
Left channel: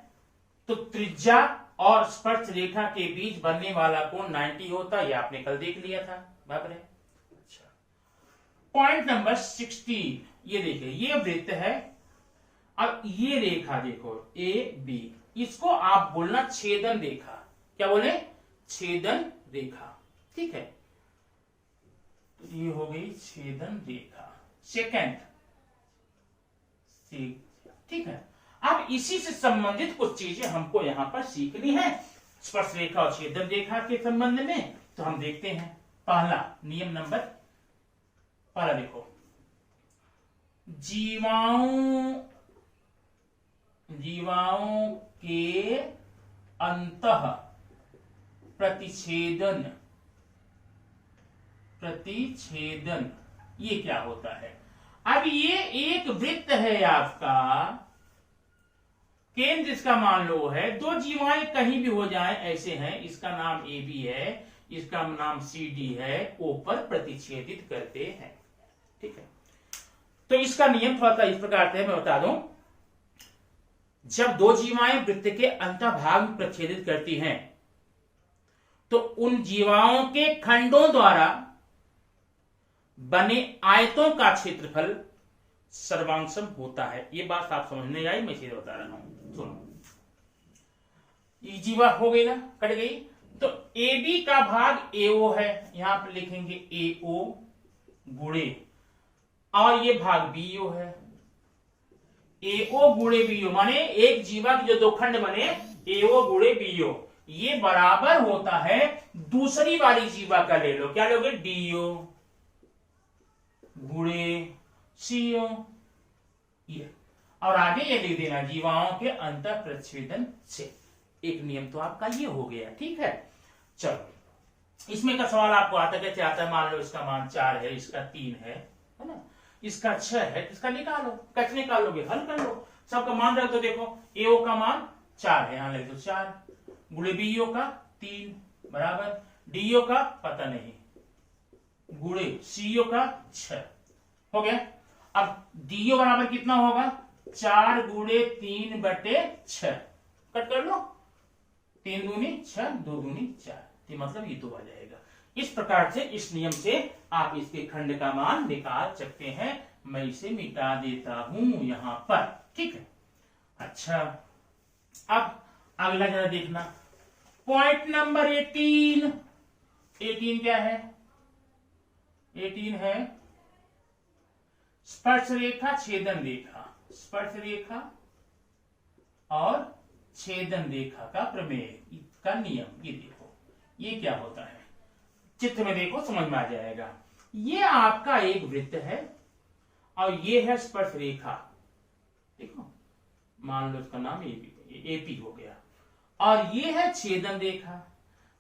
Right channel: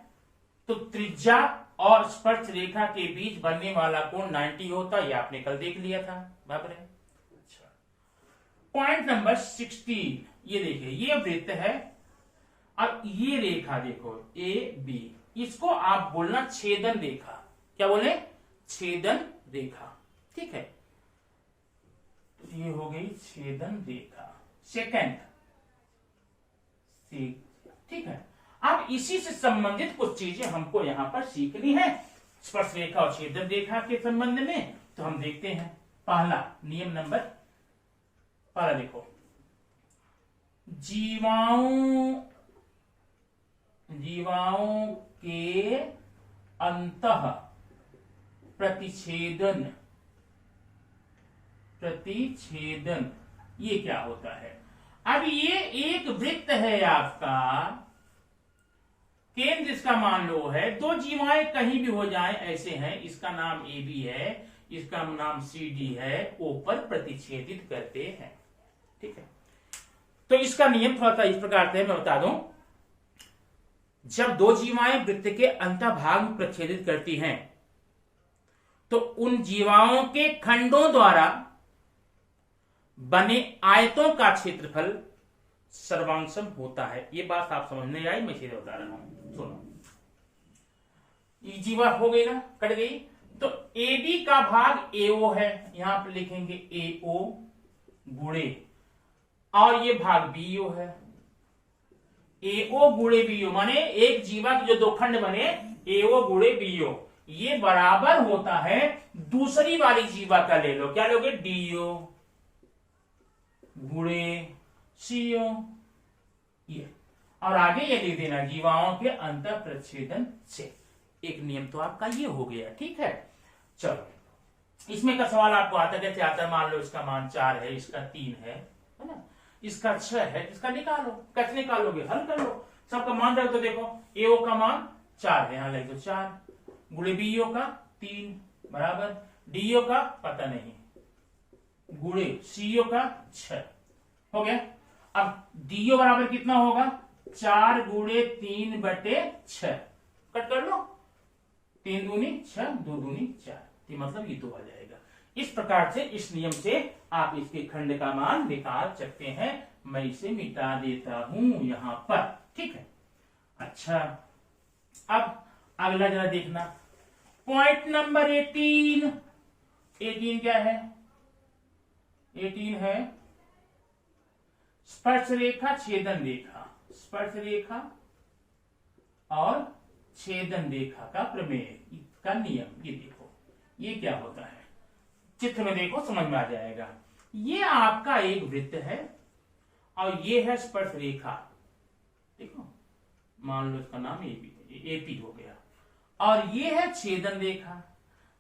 तो त्रिज्या और स्पर्श रेखा के बीच बनने वाला कोण 90 होता है, ये आपने कल देख लिया था, बराबर है। अच्छा, पॉइंट नंबर 16, ये देखिए, ये वृत्त है। अब ये रेखा देखो ए बी, इसको आप बोलना छेदन रेखा, क्या बोले, छेदन रेखा, ठीक है। ये हो गई छेदन रेखा, सेकंड, ठीक है। अब इसी से संबंधित कुछ चीजें हमको यहां पर सीखनी है स्पर्श रेखा और छेदन रेखा के संबंध में। तो हम देखते हैं पहला नियम नंबर, पहला देखो, जीवाओं के अंतः प्रतिच्छेदन, ये क्या होता है। अब ये एक वृत्त है आपका, केंद्र इसका मान लो है, दो जीवाएं कहीं भी हो जाएं ऐसे हैं, इसका नाम ए बी है, इसका नाम सी डी है, ओ पर प्रतिच्छेदित करते हैं, ठीक है। तो इसका नियम थोड़ा सा इस प्रकार से मैं बता दूं, जब दो जीवाएं वृत्त के अंतभाग में प्रतिच्छेदित करती हैं तो उन जीवाओं के खंडों द्वारा बने आयतों का क्षेत्रफल सर्वांशम होता है। ये बात आप समझने आई, मैं सीधे बता रहा हूं, सुनो। ये जीवा हो गई ना, कट गई, तो ए बी का भाग एओ है, यहां पर लिखेंगे एओ गुणे, और ये भाग बीओ है, एओ गुणे बीओ, माने एक जीवा के जो दो खंड बने एओ गुणे बीओ, ये बराबर होता है दूसरी वाली जीवा का ले लो, क्या लोगे, डीओ गुणे सीओ, ये, और आगे ये लिख देना जीवाओं के अंतर प्रतिच्छेदन से। एक नियम तो आपका ये हो गया, ठीक है। चलो, इसमें का सवाल आपको आता कैसे आता है, मान लो इसका मान 4 है, इसका 3 है ना, इसका 6 है, इसका निकालो, कैसे निकालोगे, हल कर लो, सबका मान रख दो। देखो एओ का मान 4 है, यहां लिख दो 4, गुणे बीओ का 3 बराबर, डीओ का पता नहीं, गुणे सीओ का 6 हो गया। अब डीओ बराबर कितना होगा, 4 गुणे 3 बटे 6, कट कर लो, 3 दूनी 6, 2 दूनी 4, ये मतलब ये 2 आ जाएगा। इस प्रकार से इस नियम से आप इसके खंड का मान निकाल सकते हैं। मैं इसे मिटा देता हूं यहां पर, ठीक है। अच्छा, अब अगला जरा देखना, पॉइंट नंबर 18, 18 क्या है, 18 है स्पर्श रेखा छेदन रेखा, स्पर्श रेखा और छेदन रेखा का प्रमेय का नियम। ये देखो ये क्या होता है, चित्र में देखो समझ में आ जाएगा। ये आपका एक वृत्त है और ये है स्पर्श रेखा, देखो मान लो इसका नाम एपी हो गया, और ये है छेदन रेखा।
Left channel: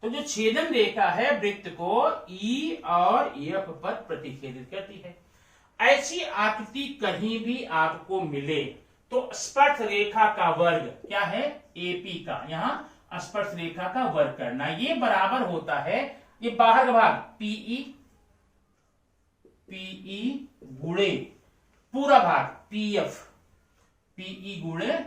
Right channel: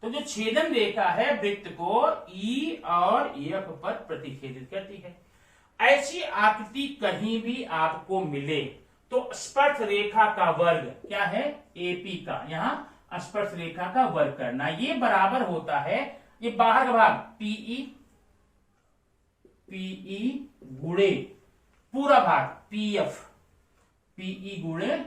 तो जो छेदन रेखा है वृत्त को ई और एफ पर प्रतिच्छेदित करती है। ऐसी आकृति कहीं भी आपको मिले तो स्पर्श रेखा का वर्ग क्या है, एपी का, यहां स्पर्श रेखा का वर्ग करना, ये बराबर होता है, ये बाहर का भाग पीई, पीई गुणे पूरा भाग पीएफ, पीई गुणे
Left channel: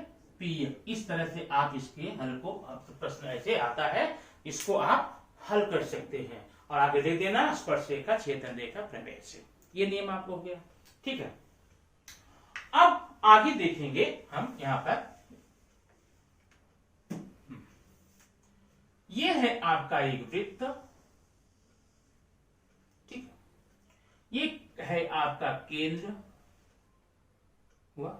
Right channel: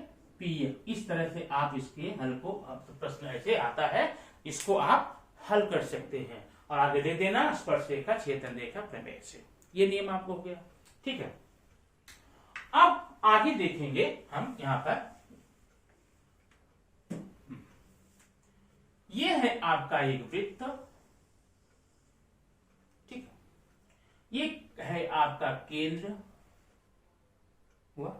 पीएफ। इस तरह से आप इसके हल को, प्रश्न ऐसे आता है, इसको आप हल कर सकते हैं। और आगे दे देना स्पर्श रेखा छेदन रेखा प्रमेय से, ये नियम आपको हो गया, ठीक है। अब आगे देखेंगे हम यहां पर, ये है आपका एक वृत्त, ठीक है, ये है आपका केंद्र हुआ।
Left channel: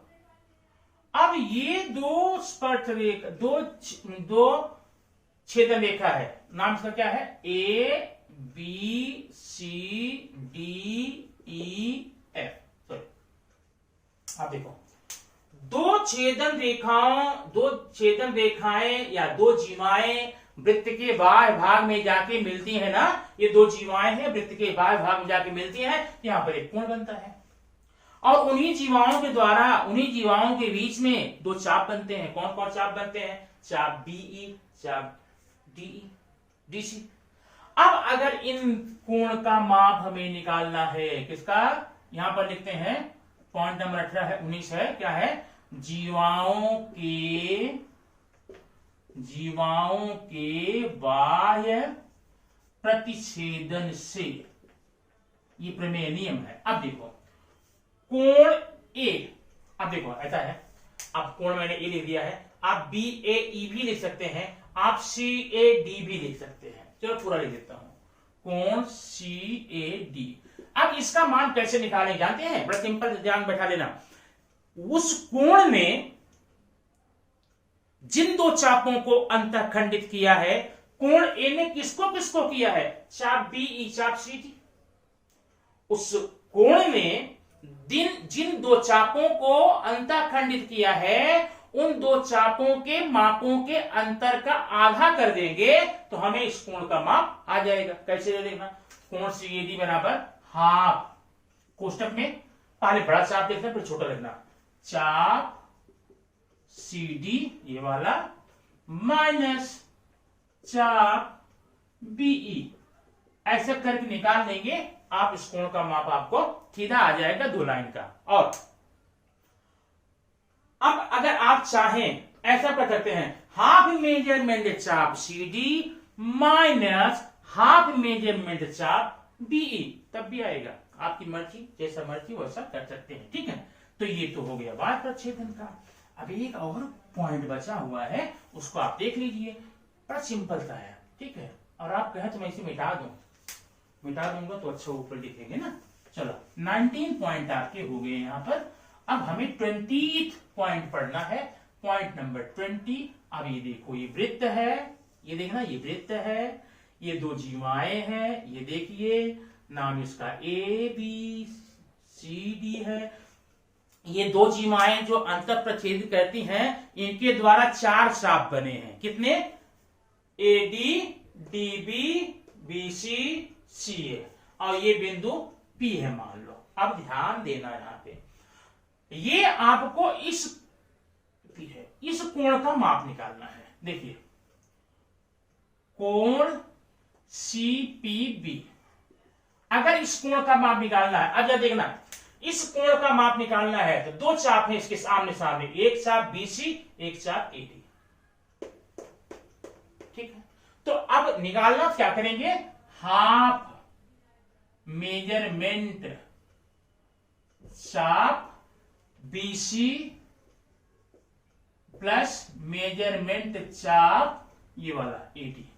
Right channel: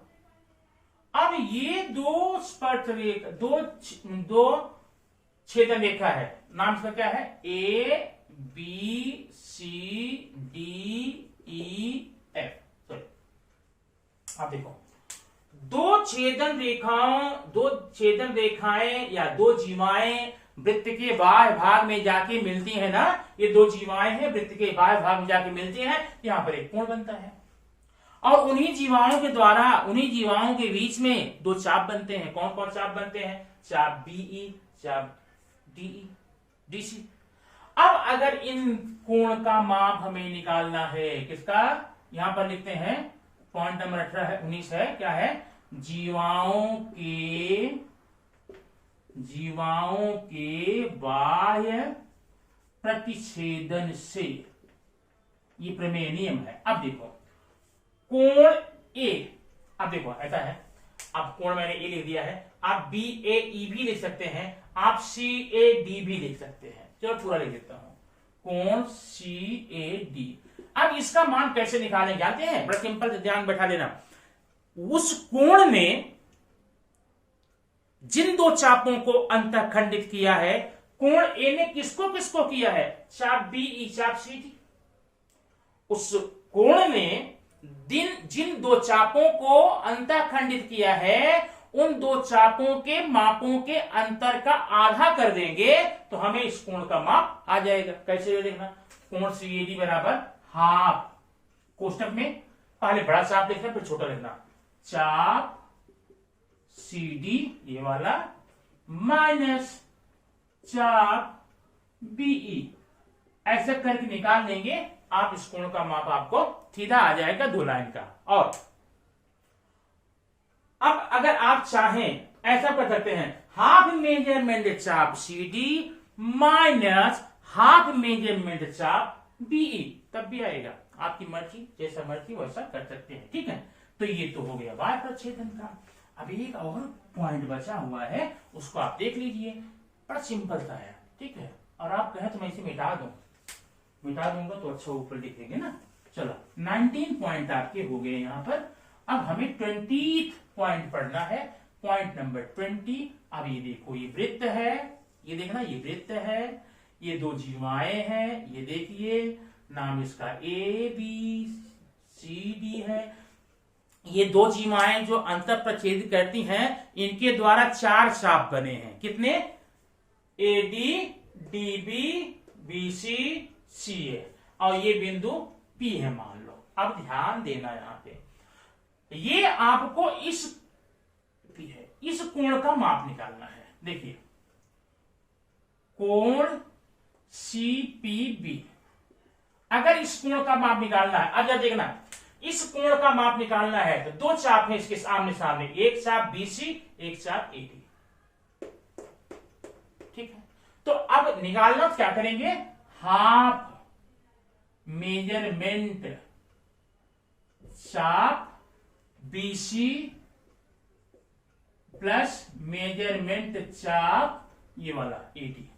अब ये दो स्पर्श रेखा, दो छेदन रेखा है, नाम इसका क्या है, A B C D E F. Sorry, आप देखो, दो छेदन रेखाएं या दो जीवाएं वृत्त के बाह्य भाग में जाके मिलती है ना, ये दो जीवाएं हैं, वृत्त के बाह्य भाग में जाके मिलती हैं, यहां पर एक कोण बनता है। और उन्हीं जीवाओं के द्वारा, उन्हीं जीवाओं के बीच में दो चाप बनते हैं। कौन कौन चाप बनते हैं, चाप बीई, चाप डीई, डीसी। अब अगर इन कोण का माप हमें निकालना है, किसका, यहां पर लिखते हैं पॉइंट नंबर 19 है, क्या है, जीवाओं के बाह्य प्रतिच्छेदन से, ये प्रमेय नियम है। अब देखो कोण ए, अब देखो ऐसा है, अब कोण मैंने ए लिख दिया है, आप बी ए ई भी लिख सकते हैं, आप सी ए डी भी लिख सकते हैं। चलो पूरा लिख देता हूं, कोण सी ए डी। अब इसका मान कैसे निकालें जानते हैं, बड़ा सिंपल, ध्यान बैठा लेना। उस कोण में जिन दो चापों को अंतःखंडित किया है, कोण ए ने किसको किसको किया है, चाप बीई, चाप सी डी। उस कोण में जिन दो चापों को अंतःखंडित किया है, उन दो चापों के मापों के अंतर का आधा कर देंगे तो हमें इस कोण का माप आ जाएगा। कैसे ये देखना, कोण सी ए डी बराबर हाफ, कोष्टक में पहले बड़ा चाप लिखना फिर छोटा लिखना, चाप सी डी ये वाला माइनस चाप बीई, ऐसे करके निकाल देंगे आप, इस कोण का माप आपको सीधा आ जाएगा दो लाइन का। और अब अगर आप चाहें ऐसा कर सकते हैं, हाफ मेजरमेंट चाप C D minus half measurement चाप बीई, तब भी आएगा, आपकी मर्जी, जैसा मर्जी वैसा कर सकते हैं। ठीक है, तो ये तो हो गया बाह्य प्रतिच्छेदन का। अब एक और पॉइंट बचा हुआ है, उसको आप देख लीजिए, बड़ा सिंपल सा है। ठीक है, और आप कहें तो मैं इसे मिटा दूंगा तो अच्छा ऊपर लिखेंगे ना। चलो 19 पॉइंट आपके हो गए यहां पर। अब हमें 20th पॉइंट पढ़ना है, पॉइंट नंबर 20। अब ये देखो, ये वृत्त है, ये देखना, ये वृत्त है, ये दो जीवाएं हैं, ये देखिए, नाम इसका ए बी सी डी है। ये दो जीवाएं जो अंतर प्रतिच्छेद करती हैं, इनके द्वारा चार चाप बने हैं, कितने, A D D B B C C A, और ये बिंदु पी है मान लो। अब ध्यान देना यहां पे, ये आपको इस कोण का माप निकालना है। देखिए, कोण सी पी बी, अगर इस कोण का माप निकालना है, अब देखना, इस कोण का माप निकालना है तो दो चाप है इसके सामने सामने, एक चाप बीसी, एक चाप एडी। ठीक है, तो अब निकालना क्या करेंगे, हाफ मेजरमेंट चाप बीसी प्लस मेजरमेंट चाप ये वाला एडी।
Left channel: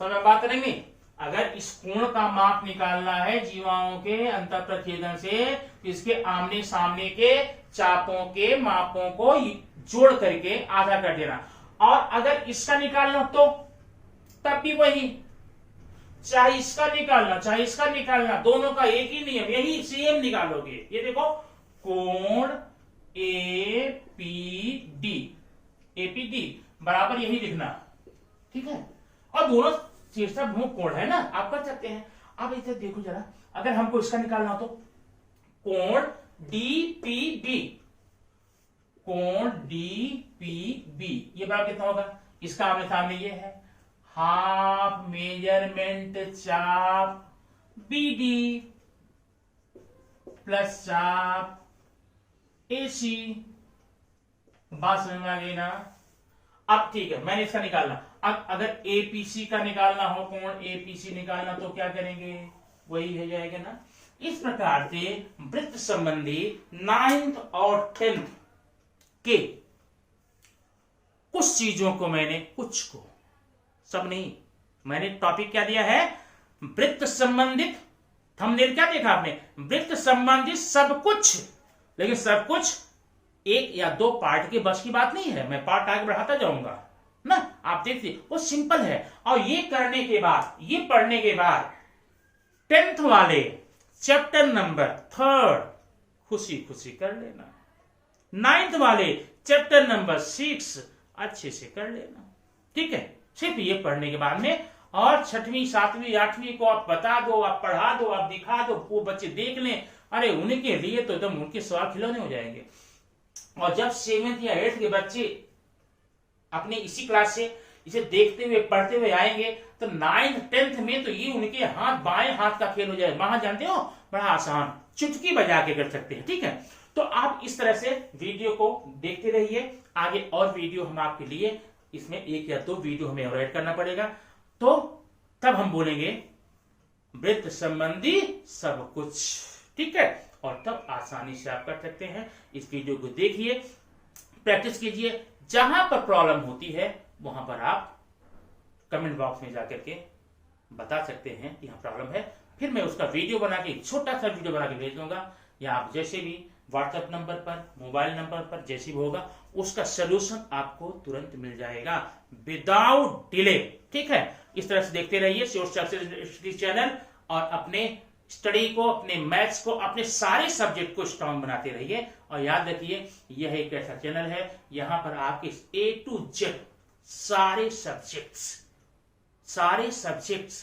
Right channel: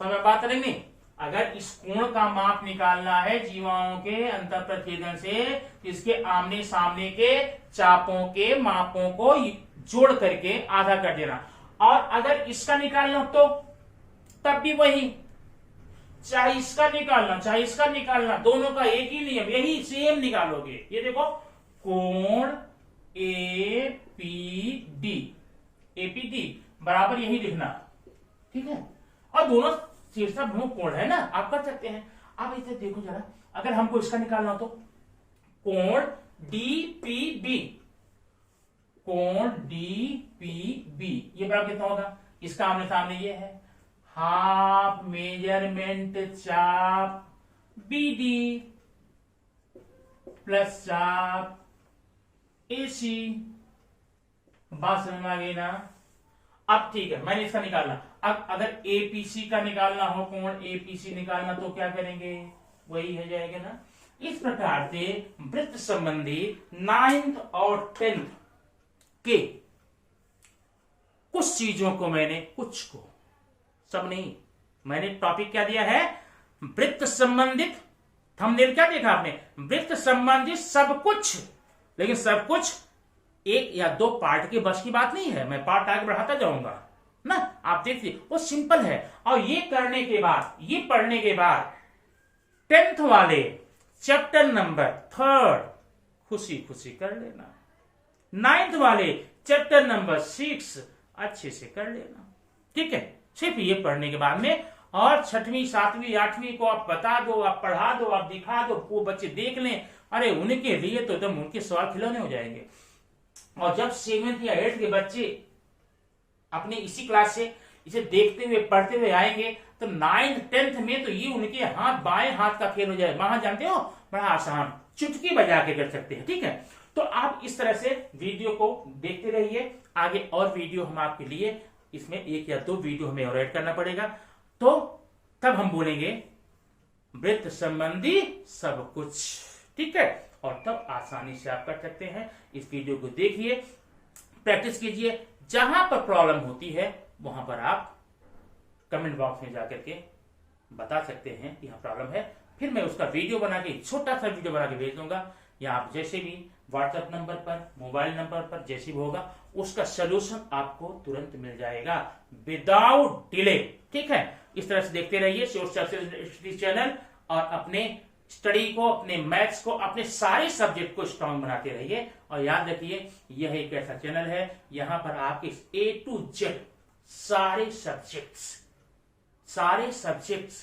समझ में बात करेंगे, अगर इस कोण का माप निकालना है जीवाओं के अंतर प्रतिच्छेदन से, तो इसके आमने सामने के चापों के मापों को जोड़ करके आधा कर देना। और अगर इसका निकालना तो तब भी वही, चाहे इसका निकालना चाहे इसका निकालना, दोनों का एक ही नियम, यही सेम निकालोगे। ये देखो, कोण ए पी डी बराबर यही लिखना। ठीक है, और दोनों शीर्षक कोण है ना, आप कर सकते हैं। अब इसे देखो जरा, अगर हमको इसका निकालना हो तो कोण डी पी बी, कोण डी पी बी ये बराबर कितना होगा, इसका आमने सामने ये है, हाफ मेजरमेंट चाप बी डी प्लस चाप ए सी। बात समझ में आ गई ना। अब ठीक है, मैंने इसका निकालना, अब अगर एपीसी का निकालना हो, कोण एपीसी निकालना, तो क्या करेंगे, वही हो जाएगा ना। इस प्रकार से वृत्त संबंधी 9th और 10th के कुछ चीजों को मैंने, कुछ को, सब नहीं, मैंने टॉपिक क्या दिया है, वृत्त संबंधित, थंबनेल क्या देखा आपने, वृत्त संबंधित सब कुछ लेकिन सब कुछ एक या दो पार्ट के बस की बात नहीं है, मैं पार्ट आगे बढ़ाता जाऊंगा ना। आप देखिए वो सिंपल है। और ये करने के बाद, ये पढ़ने के बाद 10th वाले चैप्टर नंबर 3 खुशी खुशी कर लेना। 9th वाले चैप्टर नंबर 6 अच्छे से कर लेना, ठीक है। सिर्फ ये पढ़ने के बाद में, और 6वीं 7वीं 8वीं को आप बता दो, आप पढ़ा दो, आप दिखा दो, वो बच्चे देख लें, अरे उनके लिए तो एकदम उनके सवाल खिलौने हो जाएंगे। और जब 7th या 8th के बच्चे अपने इसी क्लास से इसे देखते हुए पढ़ते हुए आएंगे तो 9th 10th में तो ये उनके हाथ बाएं हाथ का खेल हो जाए। वहां जानते हो बड़ा आसान, चुटकी बजा के कर सकते हैं, ठीक है। तो आप इस तरह से वीडियो को देखते रहिए। आगे और वीडियो हम आपके लिए, इसमें 1 या 2 वीडियो हमें और ऐड करना पड़ेगा, तो तब हम बोलेंगे वृत्त संबंधी सब कुछ, ठीक है। और तब आसानी से आप कर सकते हैं। इस वीडियो को देखिए, प्रैक्टिस कीजिए। जहां पर प्रॉब्लम होती है वहां पर आप कमेंट बॉक्स में जाकर के बता सकते हैं कि यहाँ प्रॉब्लम है, फिर मैं उसका वीडियो बना के, छोटा सा वीडियो बना के भेज दूंगा, या आप जैसे भी व्हाट्सएप नंबर पर, मोबाइल नंबर पर जैसे भी होगा उसका सोल्यूशन आपको तुरंत मिल जाएगा विदाउट डिले, ठीक है। इस तरह से देखते रहिए सोर्स चैनल, और अपने स्टडी को, अपने मैथ्स को, अपने सारे सब्जेक्ट को स्ट्रांग बनाते रहिए। और याद रखिए यह एक ऐसा चैनल है यहां पर आपके A to Z सारे सब्जेक्ट्स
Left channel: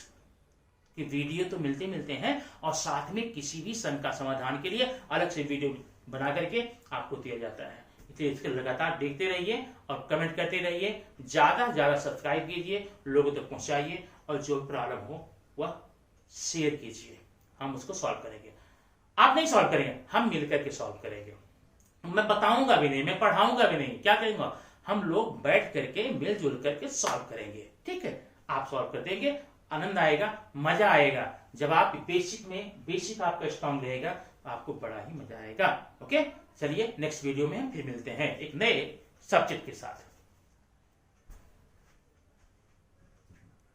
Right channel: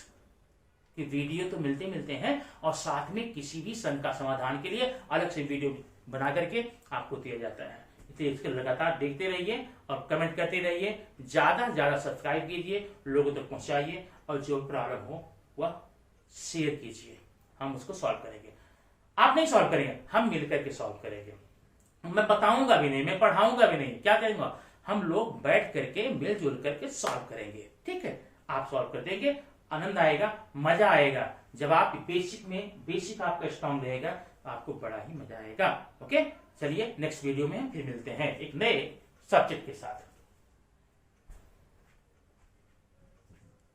की वीडियो तो मिलते हैं, और साथ में किसी भी संघ का समाधान के लिए अलग से वीडियो बना करके आपको दिया जाता है। इसलिए इसके लगातार देखते रहिए और कमेंट करते रहिए, ज्यादा ज्यादा सब्सक्राइब कीजिए, लोगों तक पहुंचाइए, और जो प्रॉब्लम हो वह शेयर कीजिए, हम उसको सॉल्व करेंगे। आप नहीं सॉल्व करेंगे, हम मिलकर के सॉल्व करेंगे। मैं बताऊंगा भी नहीं, मैं पढ़ाऊंगा भी नहीं, क्या करेंगे, हम लोग बैठ करके मिलजुल करके सॉल्व करेंगे, ठीक है। आप सॉल्व कर देंगे, आनंद आएगा, मजा आएगा। जब आप बेसिक आपका स्ट्रांग रहेगा तो आपको बड़ा ही मजा आएगा। ओके, चलिए नेक्स्ट वीडियो में फिर मिलते हैं एक नए सब्जेक्ट के साथ।